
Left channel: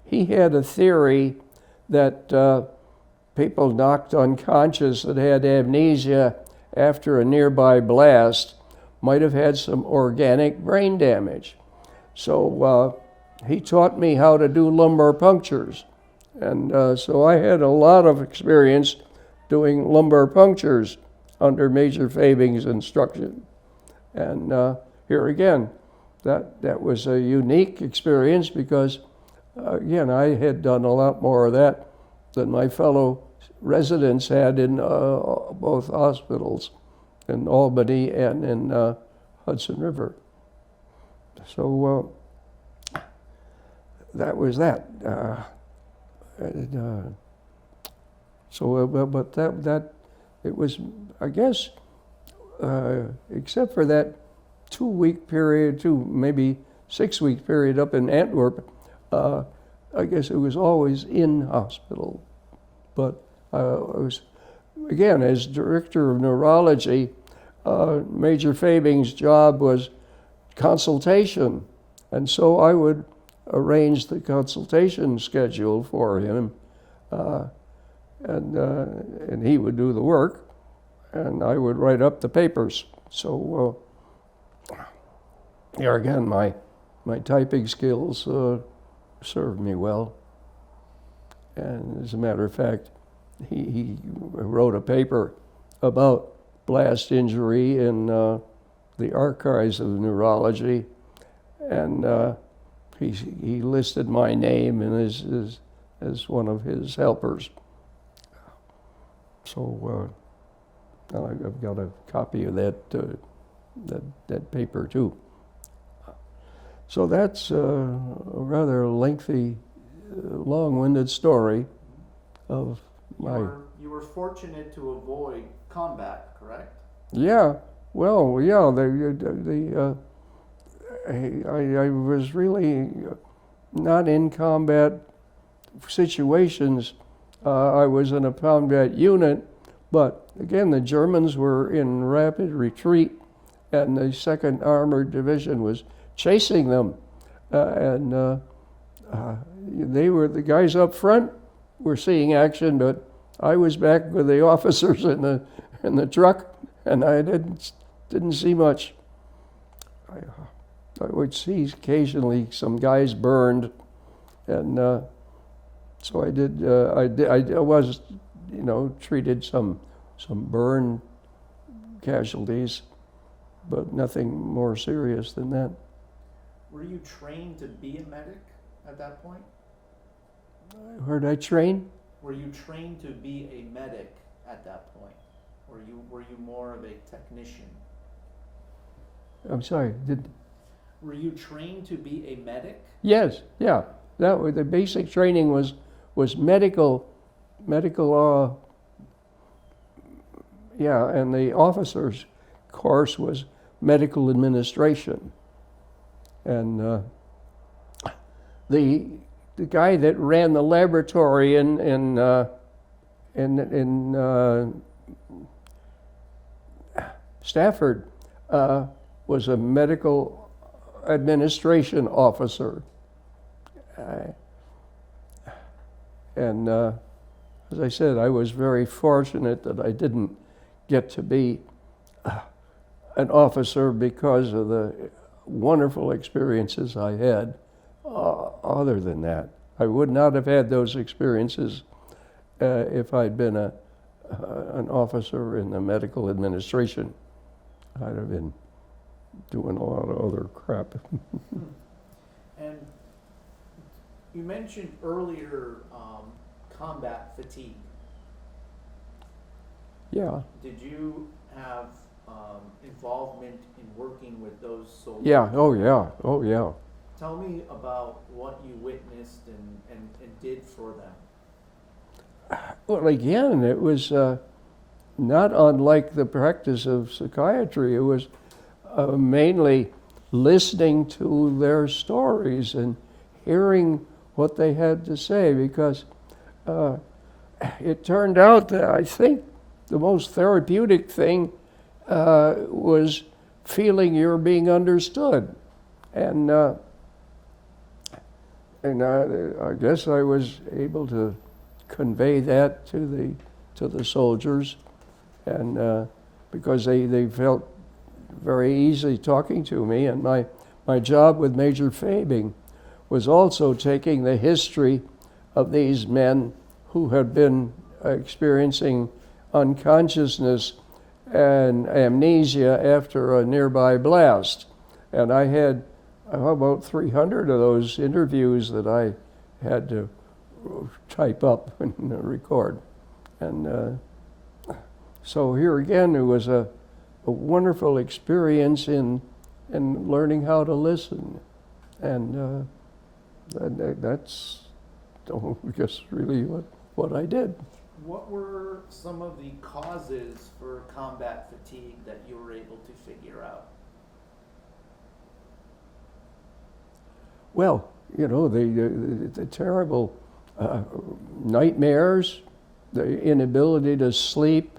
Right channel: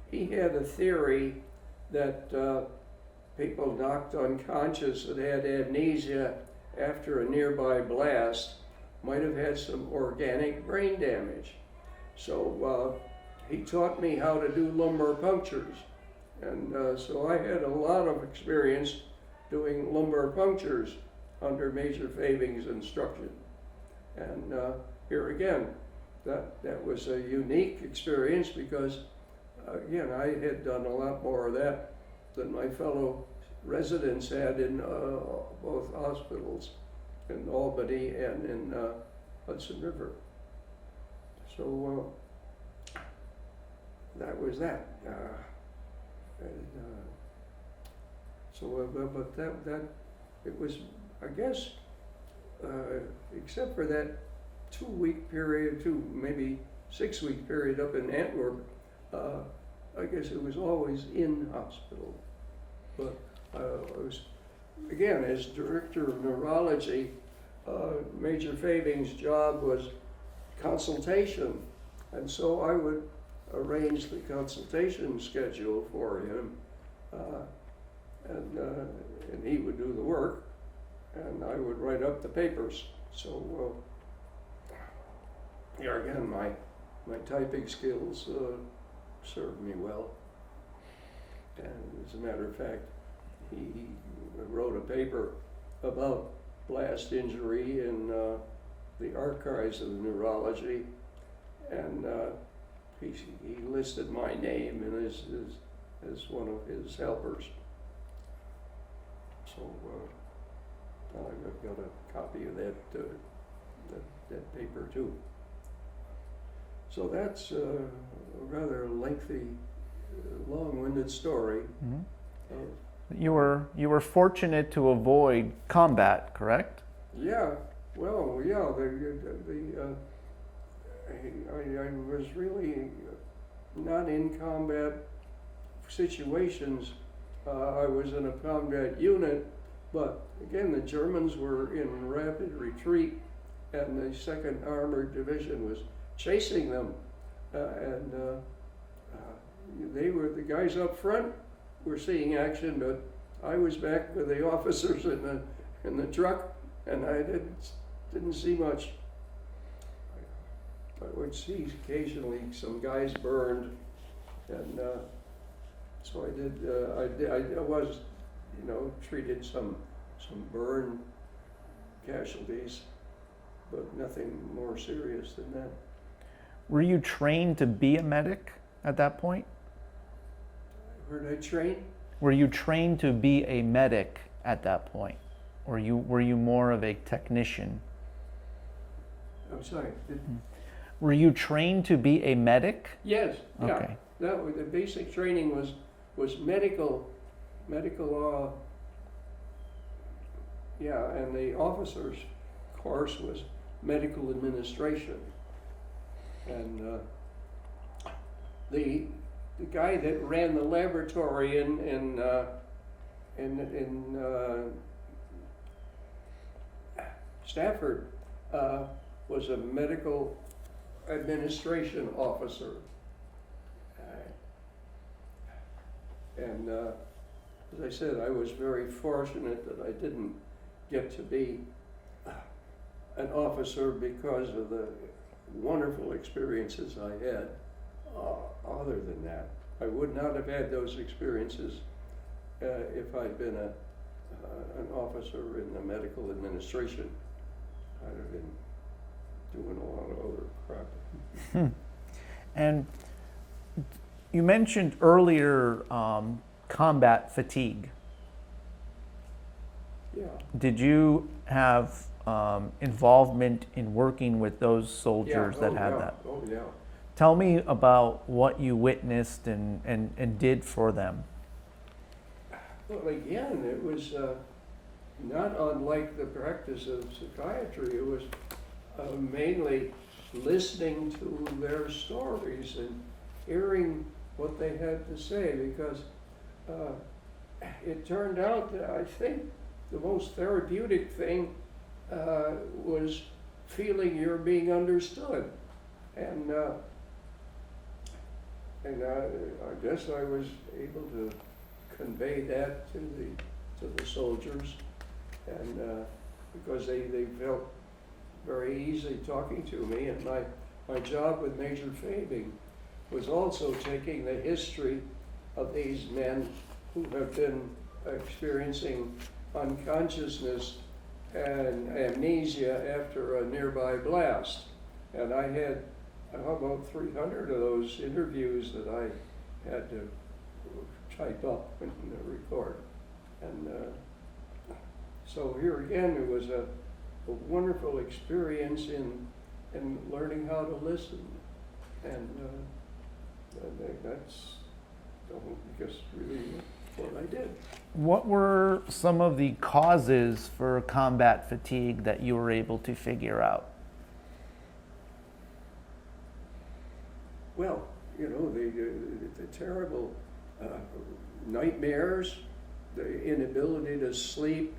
He had a theory that people knocked unconscious that had amnesia after a nearby blast might have had some organic brain damage. So he taught me how to do lumbar punctures. And so I had a lot of experience doing lumbar punctures under Major Fabing's instruction. And here again, that was a unique experience because, again, I had done a lot more of that than my fellow residents had in both hospitals, in Albany and in Hudson River. So that was that. But that it was, I guess, except for that 2-week period, 2 maybe 6-week period up in Antwerp, I guess it was always in hospital. But I was, again, as director of neurology, Major Fabing's job was consultation, and so I would arrange the consultation schedule for him, and he would do the work, and I would write up the papers. So here again, my typing skills served me well. And as a matter of fact, he wrote a paper about blast injury in the archives of neurology, and he listed my name and as one of his helpers. So I've got a copy of that paper too. So that's a rather lengthy, long-winded story of. You were fortunate to avoid combat, correct? Yeah. Well, yeah. I was really not in combat situations. I was in a combat unit, but again, the Germans were in rapid retreat, and the 2nd Armored Division was chasing them, and they were the guys up front were seeing action, but I was back with the officers in the truck, and I didn't see much. I would see occasionally some guys burned, and so I was, treated some burn casualties, but nothing more serious than that. Were you trained to be a medic at that point? Where did I train? Were you trained to be a medic at that point? Or were you more of a technician? I'm sorry. Were you trained to be a medic? Yes. Yeah. Okay. That was the basic training was medical. Yeah, and the officers' course was medical administration, and the guy that ran the laboratory in Stafford was a medical administration officer, and as I said, I was very fortunate that I didn't get to be an officer because of the wonderful experiences I had. Other than that, I would not have had those experiences if I'd been an officer in the medical administration. I'd have been doing a lot of other crap. And you mentioned earlier combat fatigue. Yeah. Did you have involvement in working with those soldiers? Yeah. Oh, that had yeah. that? Oh, yeah. Tell me about what you witnessed and did for them. Well, again, it was not unlike the practice of psychiatry. It was mainly listening to their stories and hearing what they had to say, because it turned out that I think the most therapeutic thing was feeling you're being understood. And I guess I was able to convey that to the soldiers, and because they felt very easy talking to me. And my job with Major Fabing was also taking the history of these men who had been experiencing unconsciousness and amnesia after a nearby blast. And I had about 300 of those interviews that I had to type up and record. And so here again, it was a wonderful experience in learning how to listen. And that's just really what I did. What were some of the causes for combat fatigue that you were able to figure out? Well, the terrible nightmares, the inability to sleep,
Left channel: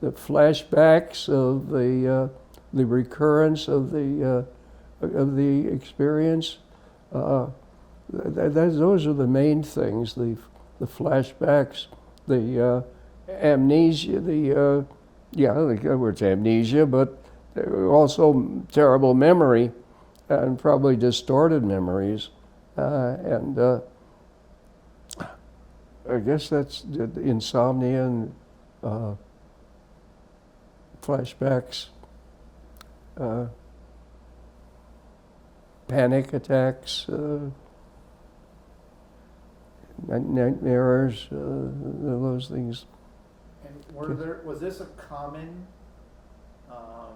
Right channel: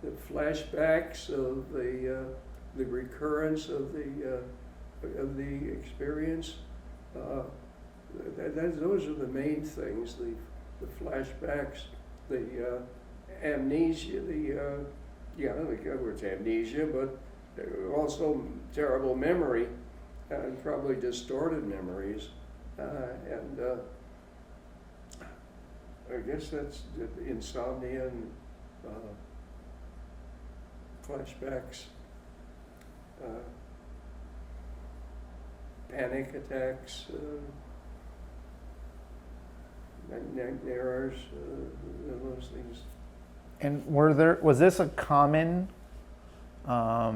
the flashbacks of the recurrence of the experience. Those are the main things. The flashbacks, the amnesia, the word's amnesia, but also terrible memory, and probably distorted memories, and I guess that's the insomnia and flashbacks, panic attacks, nightmares, those things. And was this a common a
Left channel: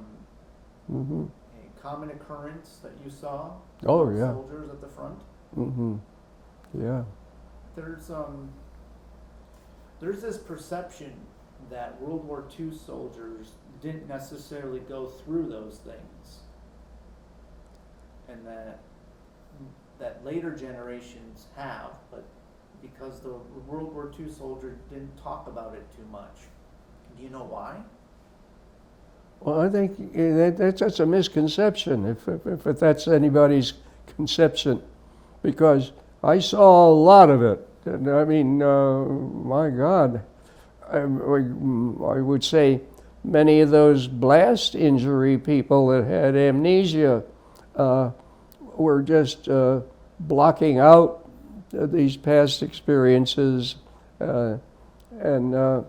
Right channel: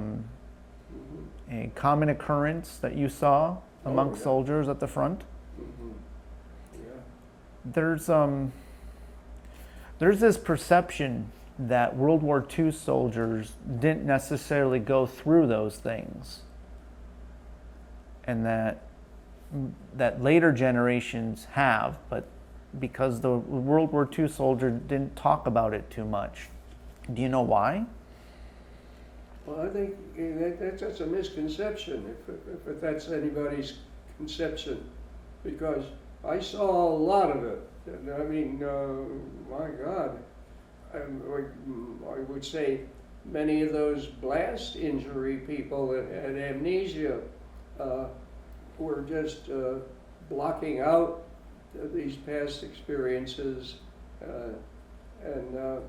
common occurrence that you saw among soldiers at the front? Yeah. There's this perception that World War II soldiers didn't necessarily go through those things, and that later generations have, but because the World War II soldier didn't talk about it too much. Do you know why? Well, I think that's a misconception, if that's anybody's conception, because I saw a lot of it. And I mean, my God, I would say many of those blast injury people that had amnesia were just blocking out these past experiences, and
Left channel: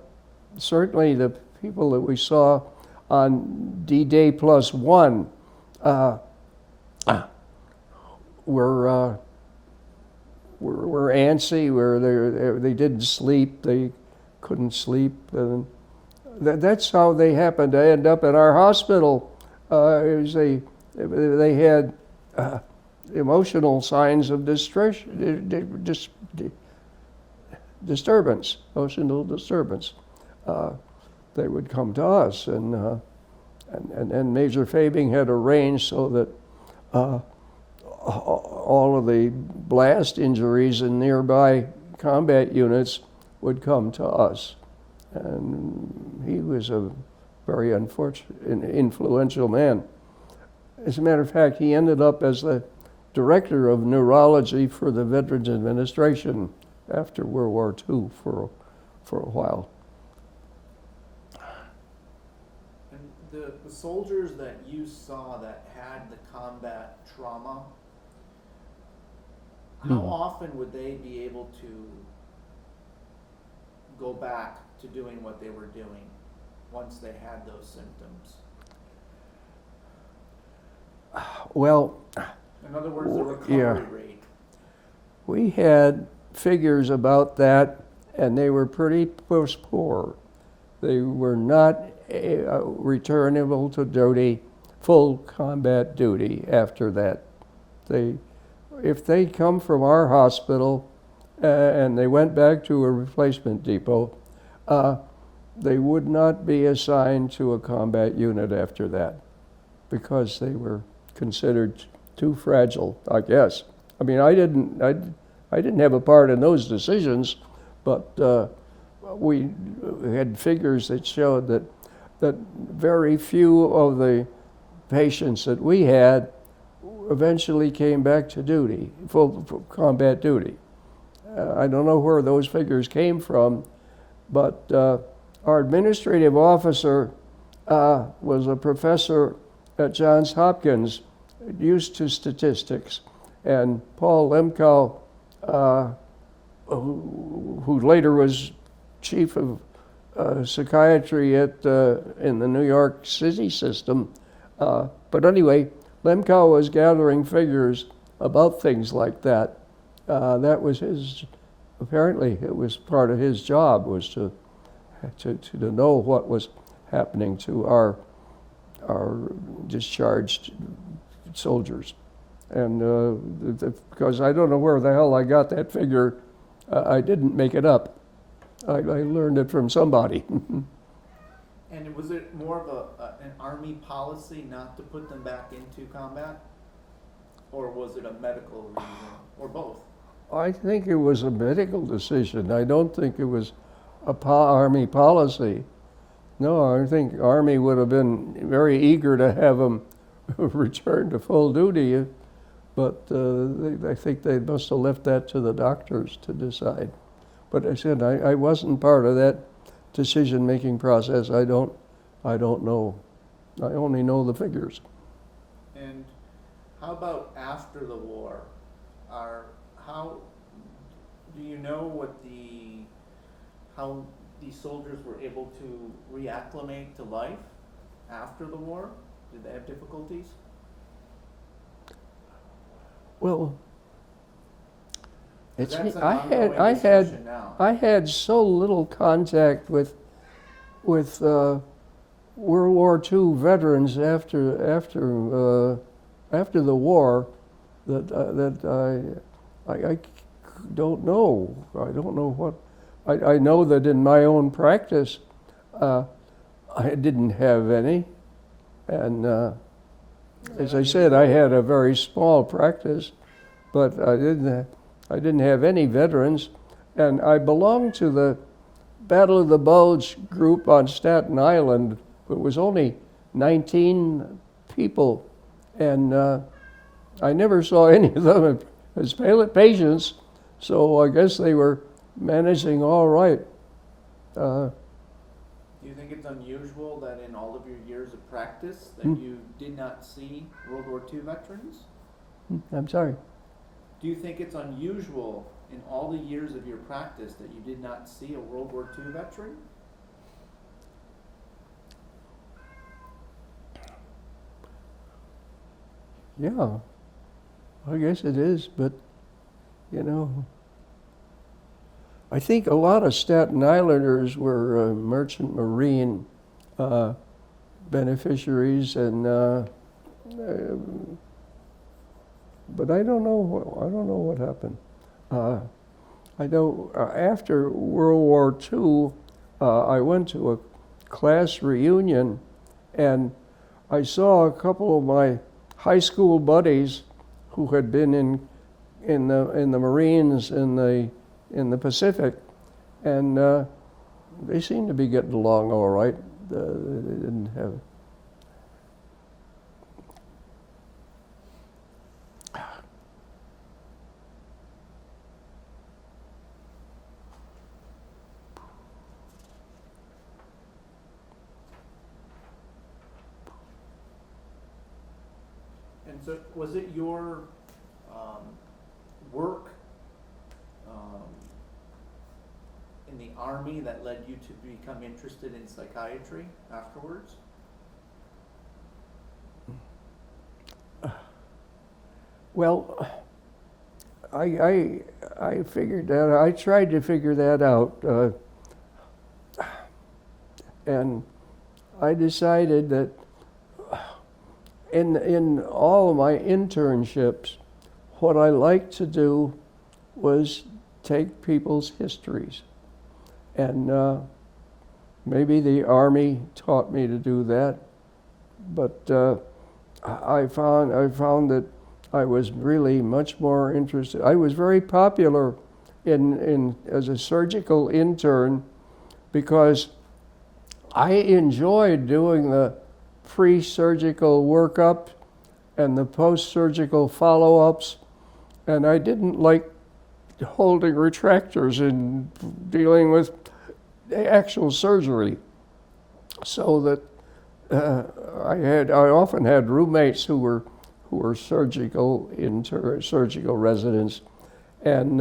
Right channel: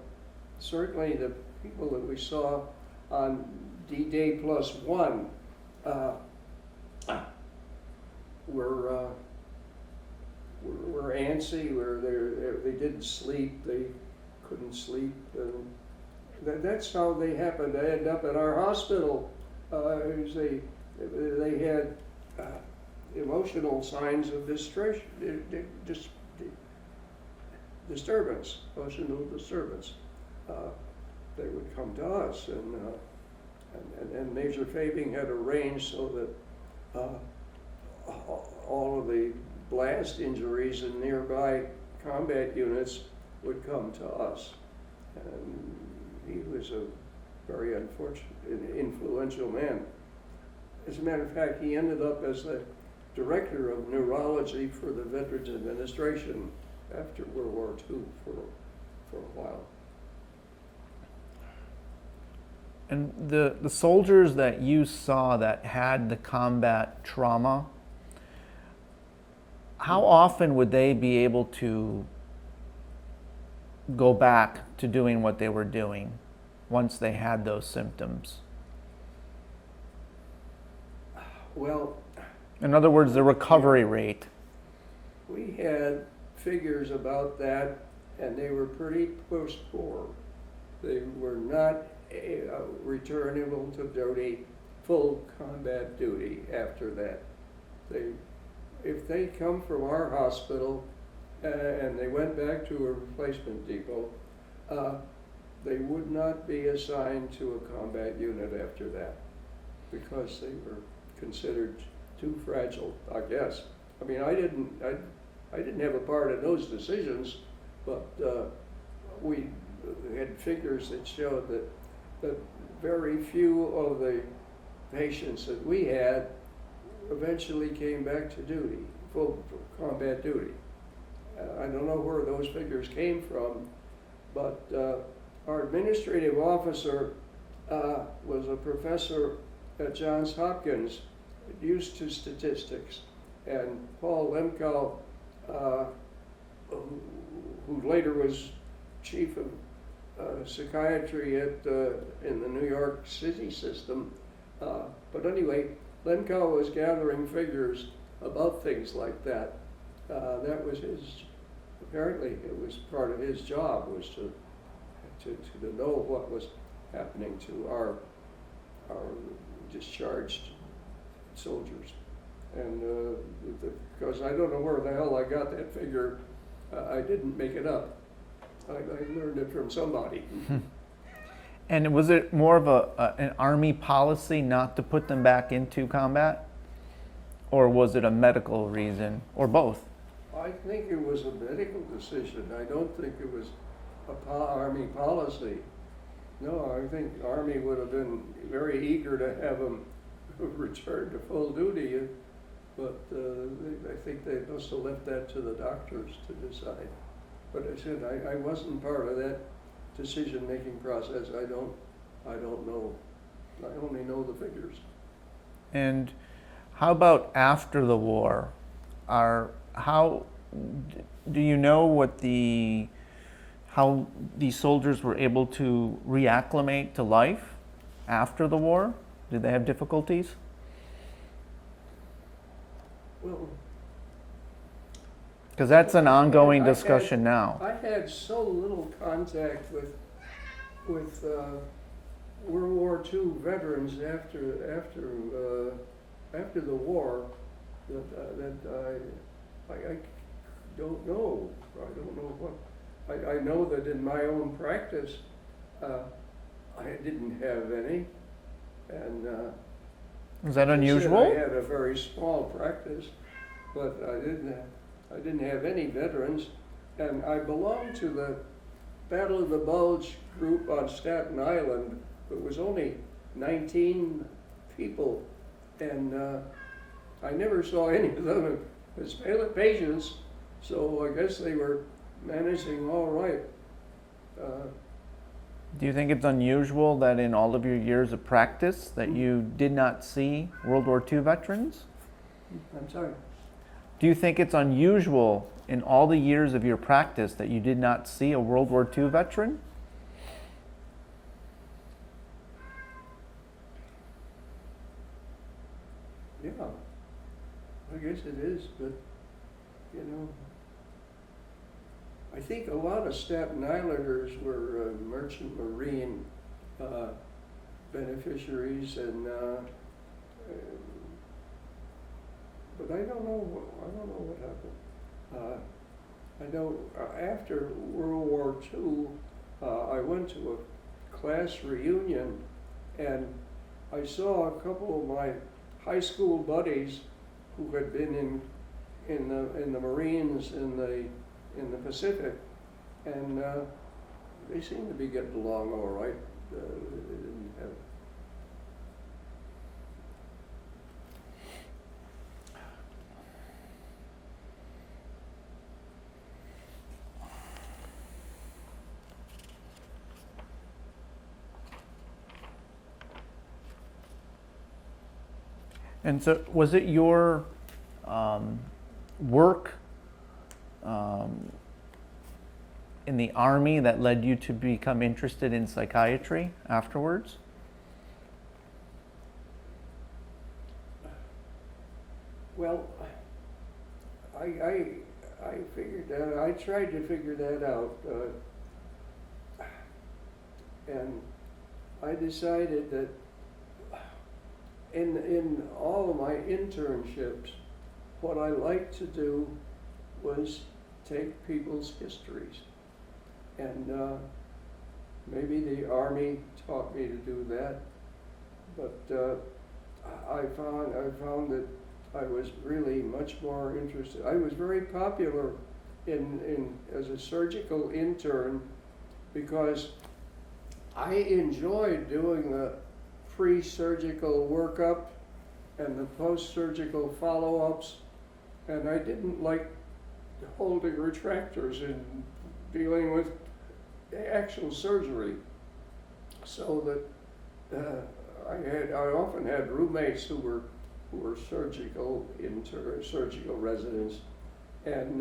certainly the people that we saw on D-Day +1 were antsy, they didn't sleep, they couldn't sleep. That's how they happened to end up in our hospital. They had emotional signs of distress, disturbance, emotional disturbance. They would come to us, and Major Fabing had arranged so that all of the blast injuries in nearby combat units would come to us. And he was a very influential man. As a matter of fact, he ended up as the director of neurology for the Veterans Administration after World War II for a while. And the soldiers that you saw that had the combat trauma, how often would they be able to go back to doing what they were doing once they had those symptoms? Well, in other words, the recovery rate. We had figures about that, and they were pretty poor. They were not returnable to duty, full combat duty after that. If they come from our hospital and they went back to a replacement depot, they would not be assigned to a combat unit after that because they were considered too fragile, I guess. I mean, I didn't have a part in those decisions, but we had figures that showed that very few of the patients that we had eventually came back to duty, full combat duty. I don't know where those figures came from, but our administrative officer was a professor at Johns Hopkins, used to statistics, and Paul Lemkow, who later was chief of psychiatry in the New York City system. But anyway, Lemkow was gathering figures about things like that. That was apparently it was part of his job, was to know what was happening to our discharged soldiers. And because I don't know where the hell I got that figure, I didn't make it up. I learned it from somebody. And was it more of an Army policy not to put them back into combat? Or was it a medical reason, or both? I think it was a medical decision. I don't think it was a Army policy. No, I think Army would have been very eager to have them return to full duty, but I think they must have left that to the doctors to decide. But I said I wasn't part of that decision-making process. I don't know. I only know the figures. And how about after the war? How do you know how these soldiers were able to reacclimate to life after the war? Did they have difficulties? Well, because that's an ongoing discussion now. I had so little contact with World War II veterans after the war that I don't know. I don't know what. I know that in my own practice, I didn't have any, and Is that as unusual? I said, I had a very small practice, but I didn't have any veterans, and I belonged to the Battle of the Bulge group on Staten Island. It was only 19 people, and I never saw any of them as patients, so I guess they were managing all right. Do you think it's unusual that in all of your years of practice that you did not see World War II veterans? I'm sorry. Do you think it's unusual in all the years of your practice that you did not see a World War II veteran? Yeah, I guess it is, but, you know, I think a lot of Staten Islanders were merchant marine beneficiaries, and but I don't know. I don't know what happened. I know after World War II, I went to a class reunion, and I saw a couple of my high school buddies who had been in the Marines in the Pacific, and they seemed to be getting along all right. They didn't have. And so, was it your work in the Army that led you to become interested in psychiatry afterwards? Well, I figured that I tried to figure that out, and I decided that in all of my internships, what I liked to do was take people's histories, and maybe the Army taught me to do that, but I found that I was really much more interested. I was very popular as a surgical intern because I enjoyed doing the pre-surgical workup and the post-surgical follow-ups, and I didn't like holding retractors and dealing with actual surgery. So that I often had roommates who were surgical residents, and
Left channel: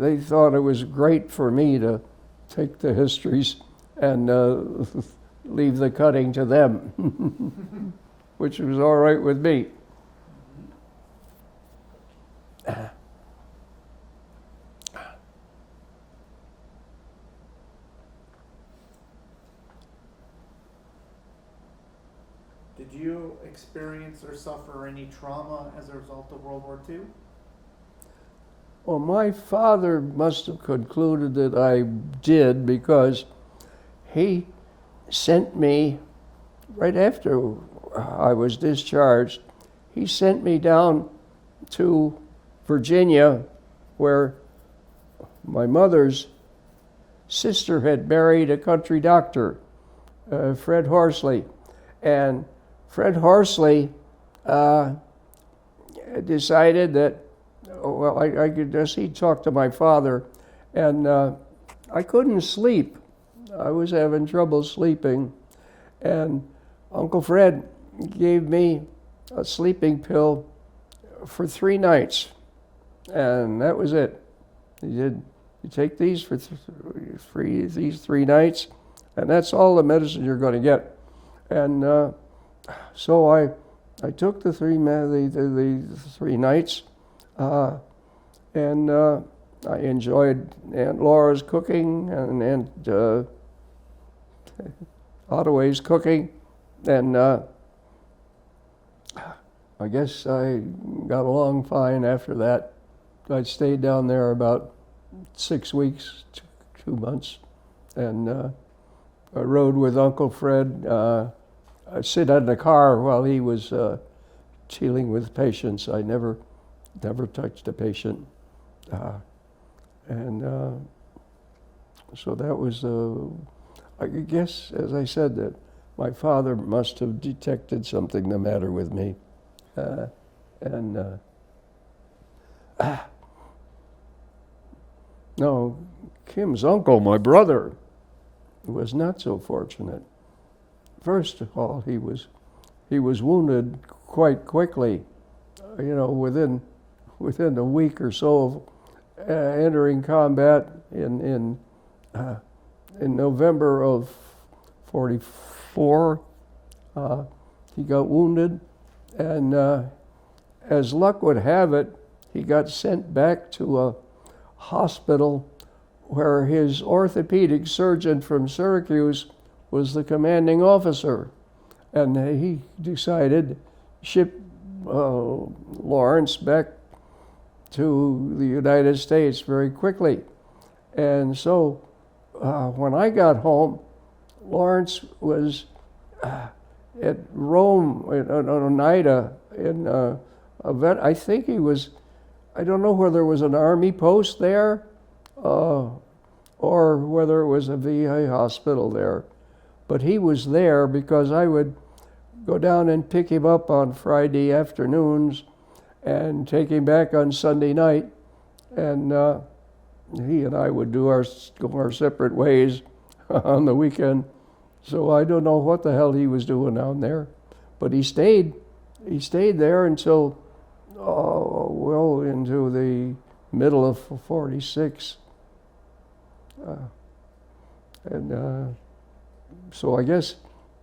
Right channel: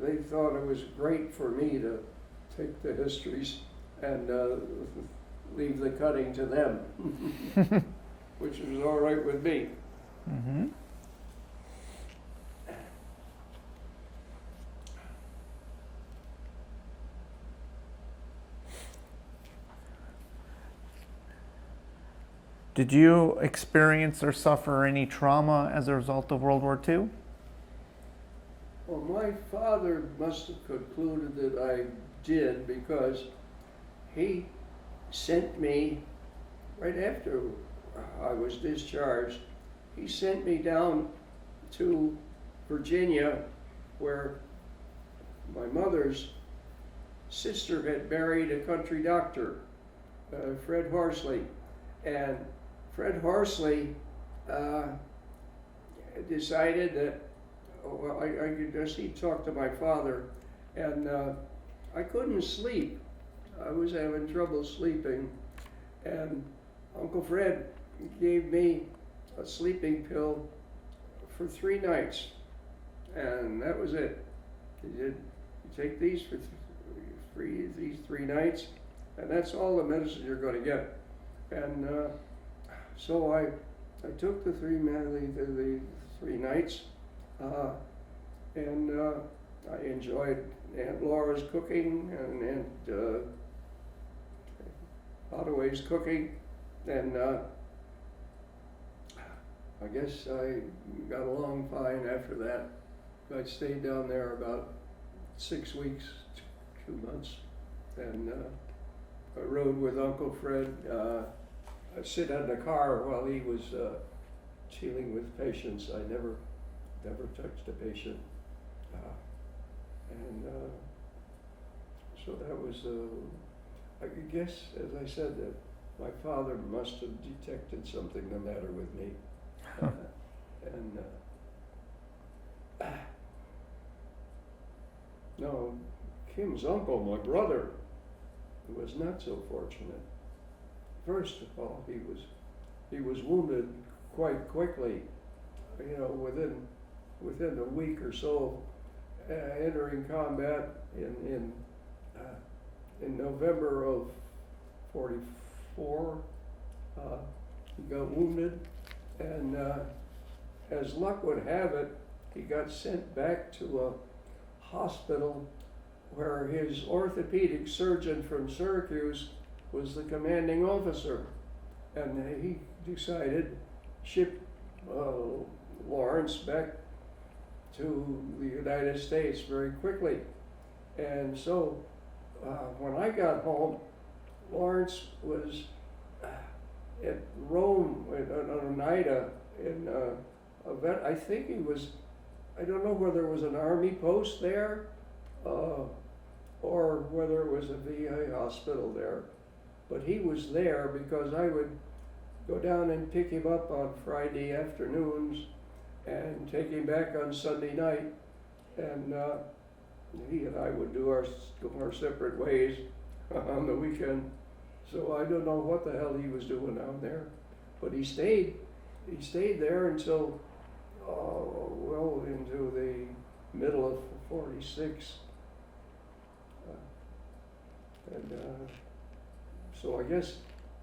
they thought it was great for me to take the histories and leave the cutting to them, which was all right with me. Mm-hmm. Did you experience or suffer any trauma as a result of World War II? Well, my father must have concluded that I did, because he sent me, right after I was discharged, he sent me down to Virginia, where my mother's sister had married a country doctor, Fred Horsley. And Fred Horsley decided that, well, I could just, he talked to my father, and I couldn't sleep. I was having trouble sleeping, and Uncle Fred gave me a sleeping pill for 3 nights, and that was it. He said, "You take these for these 3 nights, and that's all the medicine you're going to get." And so I took the 3 nights, and I enjoyed Aunt Laura's cooking and Aunt Ottaway's cooking, and I guess I got along fine after that. I stayed down there about 6 weeks, 2 months, and I rode with Uncle Fred. I'd sit in the car while he was dealing with patients. I never touched a patient, and so that was. I guess, as I said, that my father must have detected something the matter with me, and no, Kim's uncle, my brother, was not so fortunate. First of all, he was wounded quite quickly. within a week or so of entering combat in November of '44. He got wounded, and as luck would have it, he got sent back to a hospital where his orthopedic surgeon from Syracuse was the commanding officer. And he decided to ship Lawrence back to the United States very quickly. And so when I got home, Lawrence was at Rome, at Oneida, in I think he was, I don't know whether it was an army post there or whether it was a VA hospital there. But he was there because I would go down and pick him up on Friday afternoons and take him back on Sunday night. And he and I would go our separate ways on the weekend. So I don't know what the hell he was doing down there. But he stayed there until, well, into the middle of '46. So I guess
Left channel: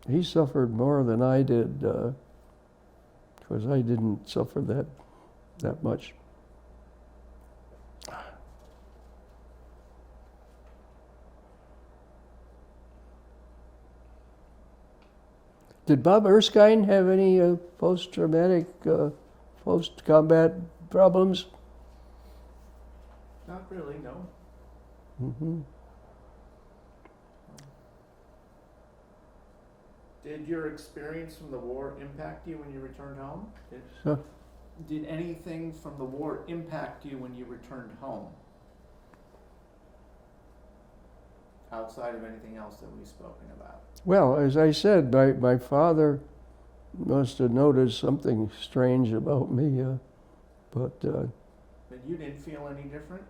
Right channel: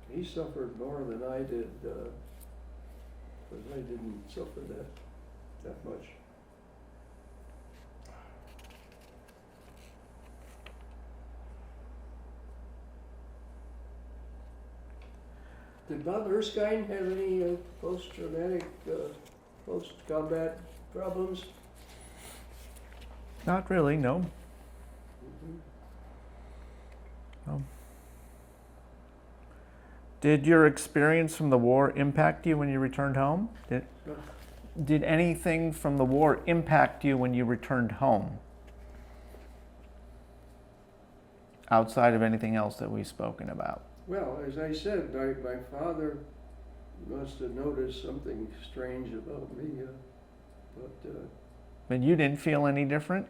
he suffered more than I did, because I didn't suffer that much. Did Bob Erskine have any post-traumatic, post-combat problems? Not really, no. Mm-hmm. No. Did your experience from the war impact you when you returned home? Did anything from the war impact you when you returned home? Outside of anything else that we've spoken about? Well, as I said, my father must have noticed something strange about me, but And you didn't feel any different?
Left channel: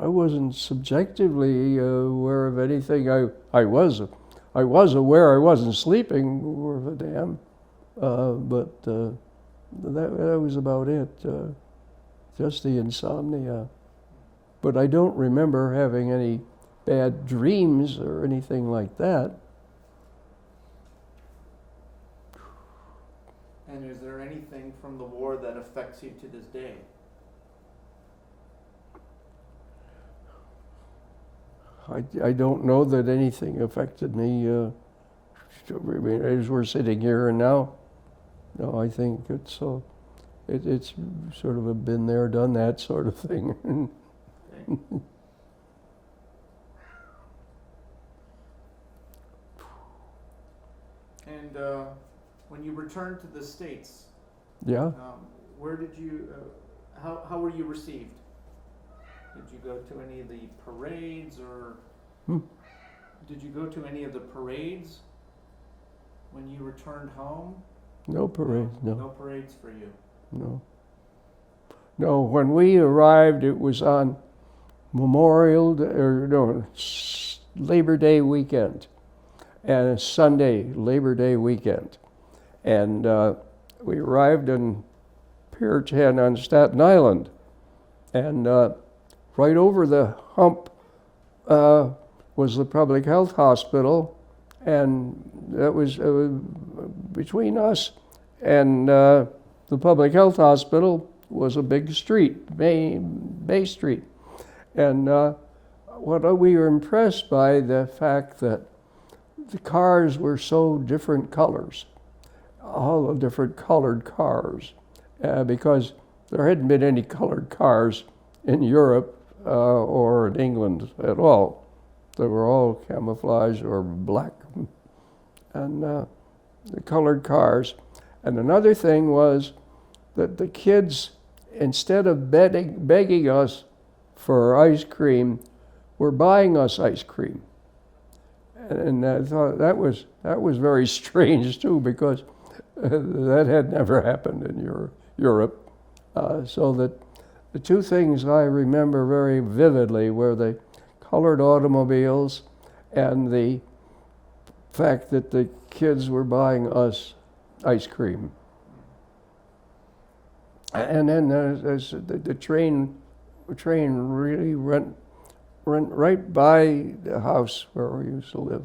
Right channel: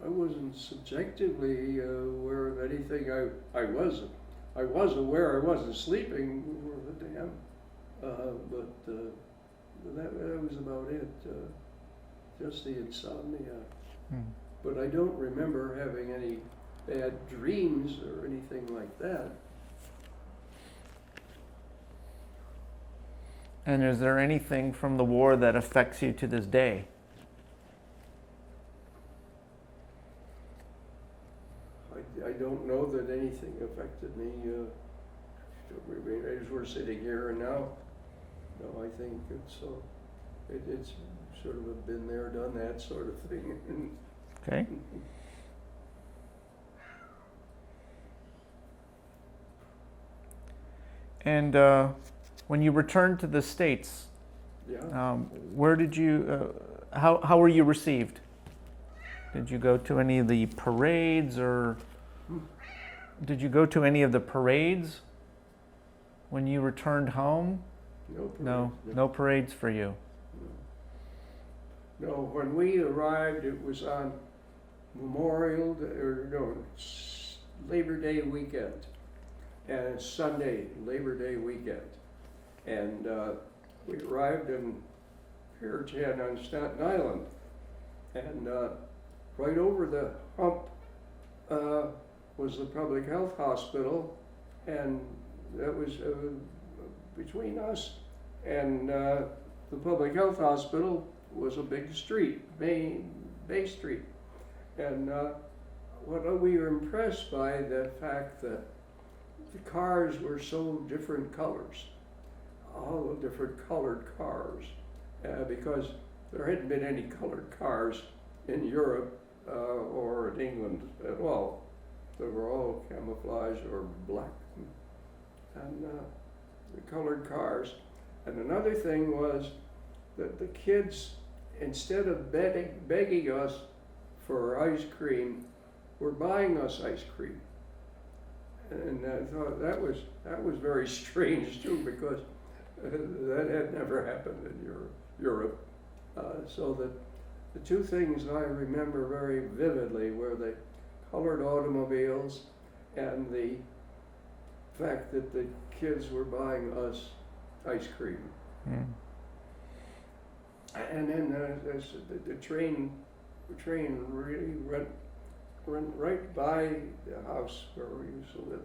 I wasn't subjectively aware of anything. I was aware I wasn't sleeping worth a damn, but that was about it. Just the insomnia. But I don't remember having any bad dreams or anything like that. And is there anything from the war that affects you to this day? I don't know that anything affected me as we're sitting here and now. No, I think it's sort of a been there, done that sort of thing. Okay. And when you returned to the States, Yeah. where did you, how were you received? Did you go to any of the parades, or did you go to any of the parades when you returned home? No parade. No parades for you. No. No, when we arrived, it was on Labor Day weekend, and Sunday, Labor Day weekend. And we arrived in Pier 10 on Staten Island. And right over the hump was the public health hospital, and that was between us and the public health hospital was a big street, Bay Street. And what we were impressed by the fact that the cars were so different colors, all the different colored cars, because there hadn't been any colored cars in Europe or in England at all. They were all camouflage or black, and the colored cars. And another thing was that the kids, instead of begging us for ice cream, were buying us ice cream. And I thought that was very strange too, because that had never happened in Europe. So that the two things I remember very vividly were the colored automobiles and the fact that the kids were buying us ice cream. And then as the train really went right by the house where we used to live.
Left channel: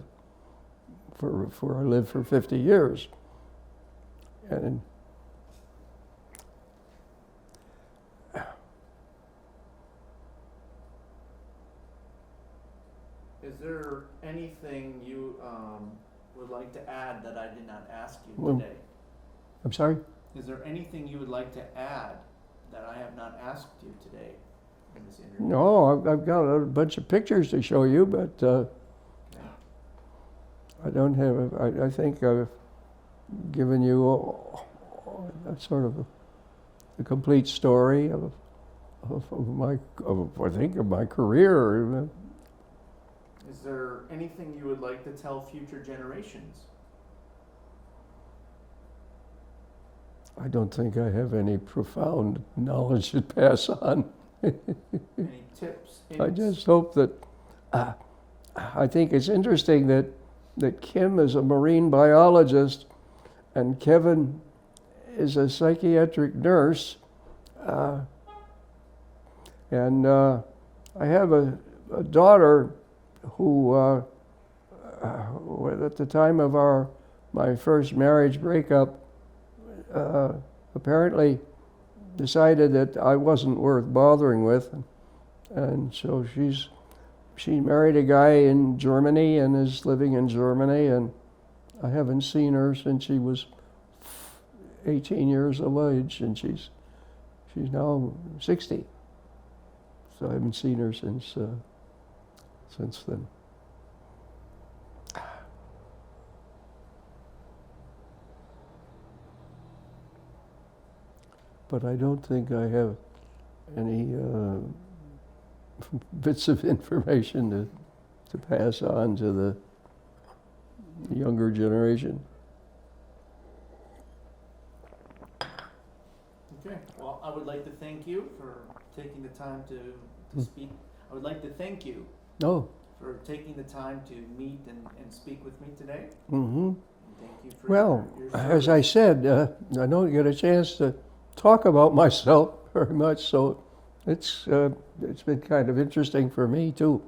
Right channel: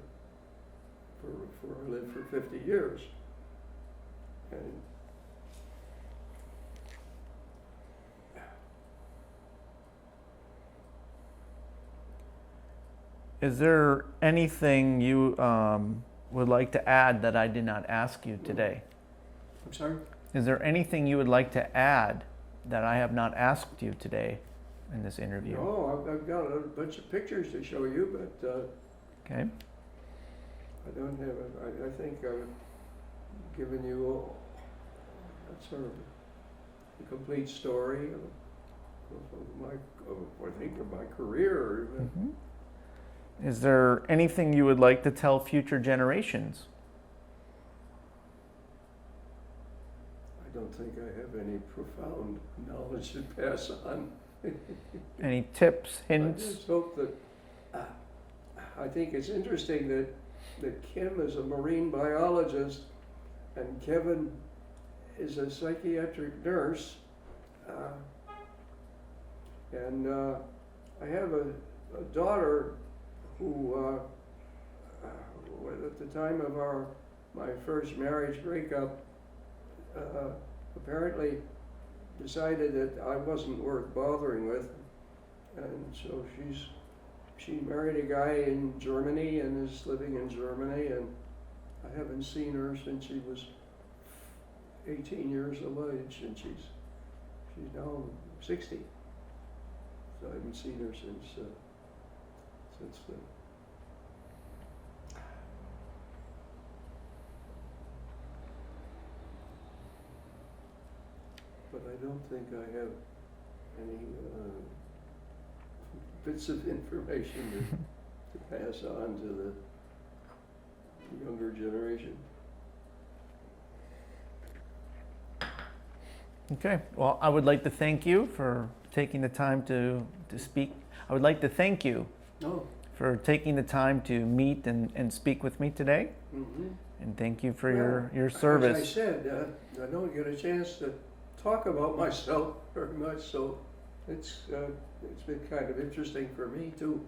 For I lived for 50 years, and Is there anything you would like to add that I did not ask you today? I'm sorry? Is there anything you would like to add that I have not asked you today in this interview? No, I've got a bunch of pictures to show you, but Okay. I don't have. I think I've given you a sort of a complete story of my career. Is there anything you would like to tell future generations? I don't think I have any profound knowledge to pass on. Any tips, hints? I just hope that. I think it's interesting that Kim is a marine biologist and Kevin is a psychiatric nurse. And I have a daughter who, at the time of my first marriage breakup, apparently decided that I wasn't worth bothering with, and so she married a guy in Germany and is living in Germany, and I haven't seen her since she was 18 years of age, and she's now 60. So I haven't seen her since then. But I don't think I have any bits of information to pass on to the younger generation. Okay. Well, I would like to thank you for taking the time to speak. I would like to thank you for taking the time to meet and speak with me today. Mm-hmm. And thank you for your As service. I said, I don't get a chance to talk about myself very much, so it's been kind of interesting for me too.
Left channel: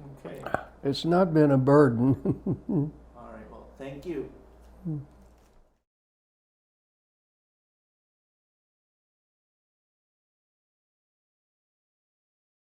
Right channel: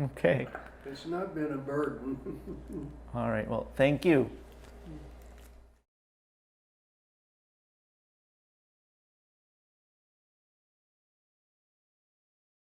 Okay. It's not been a burden. All right. Well, thank you.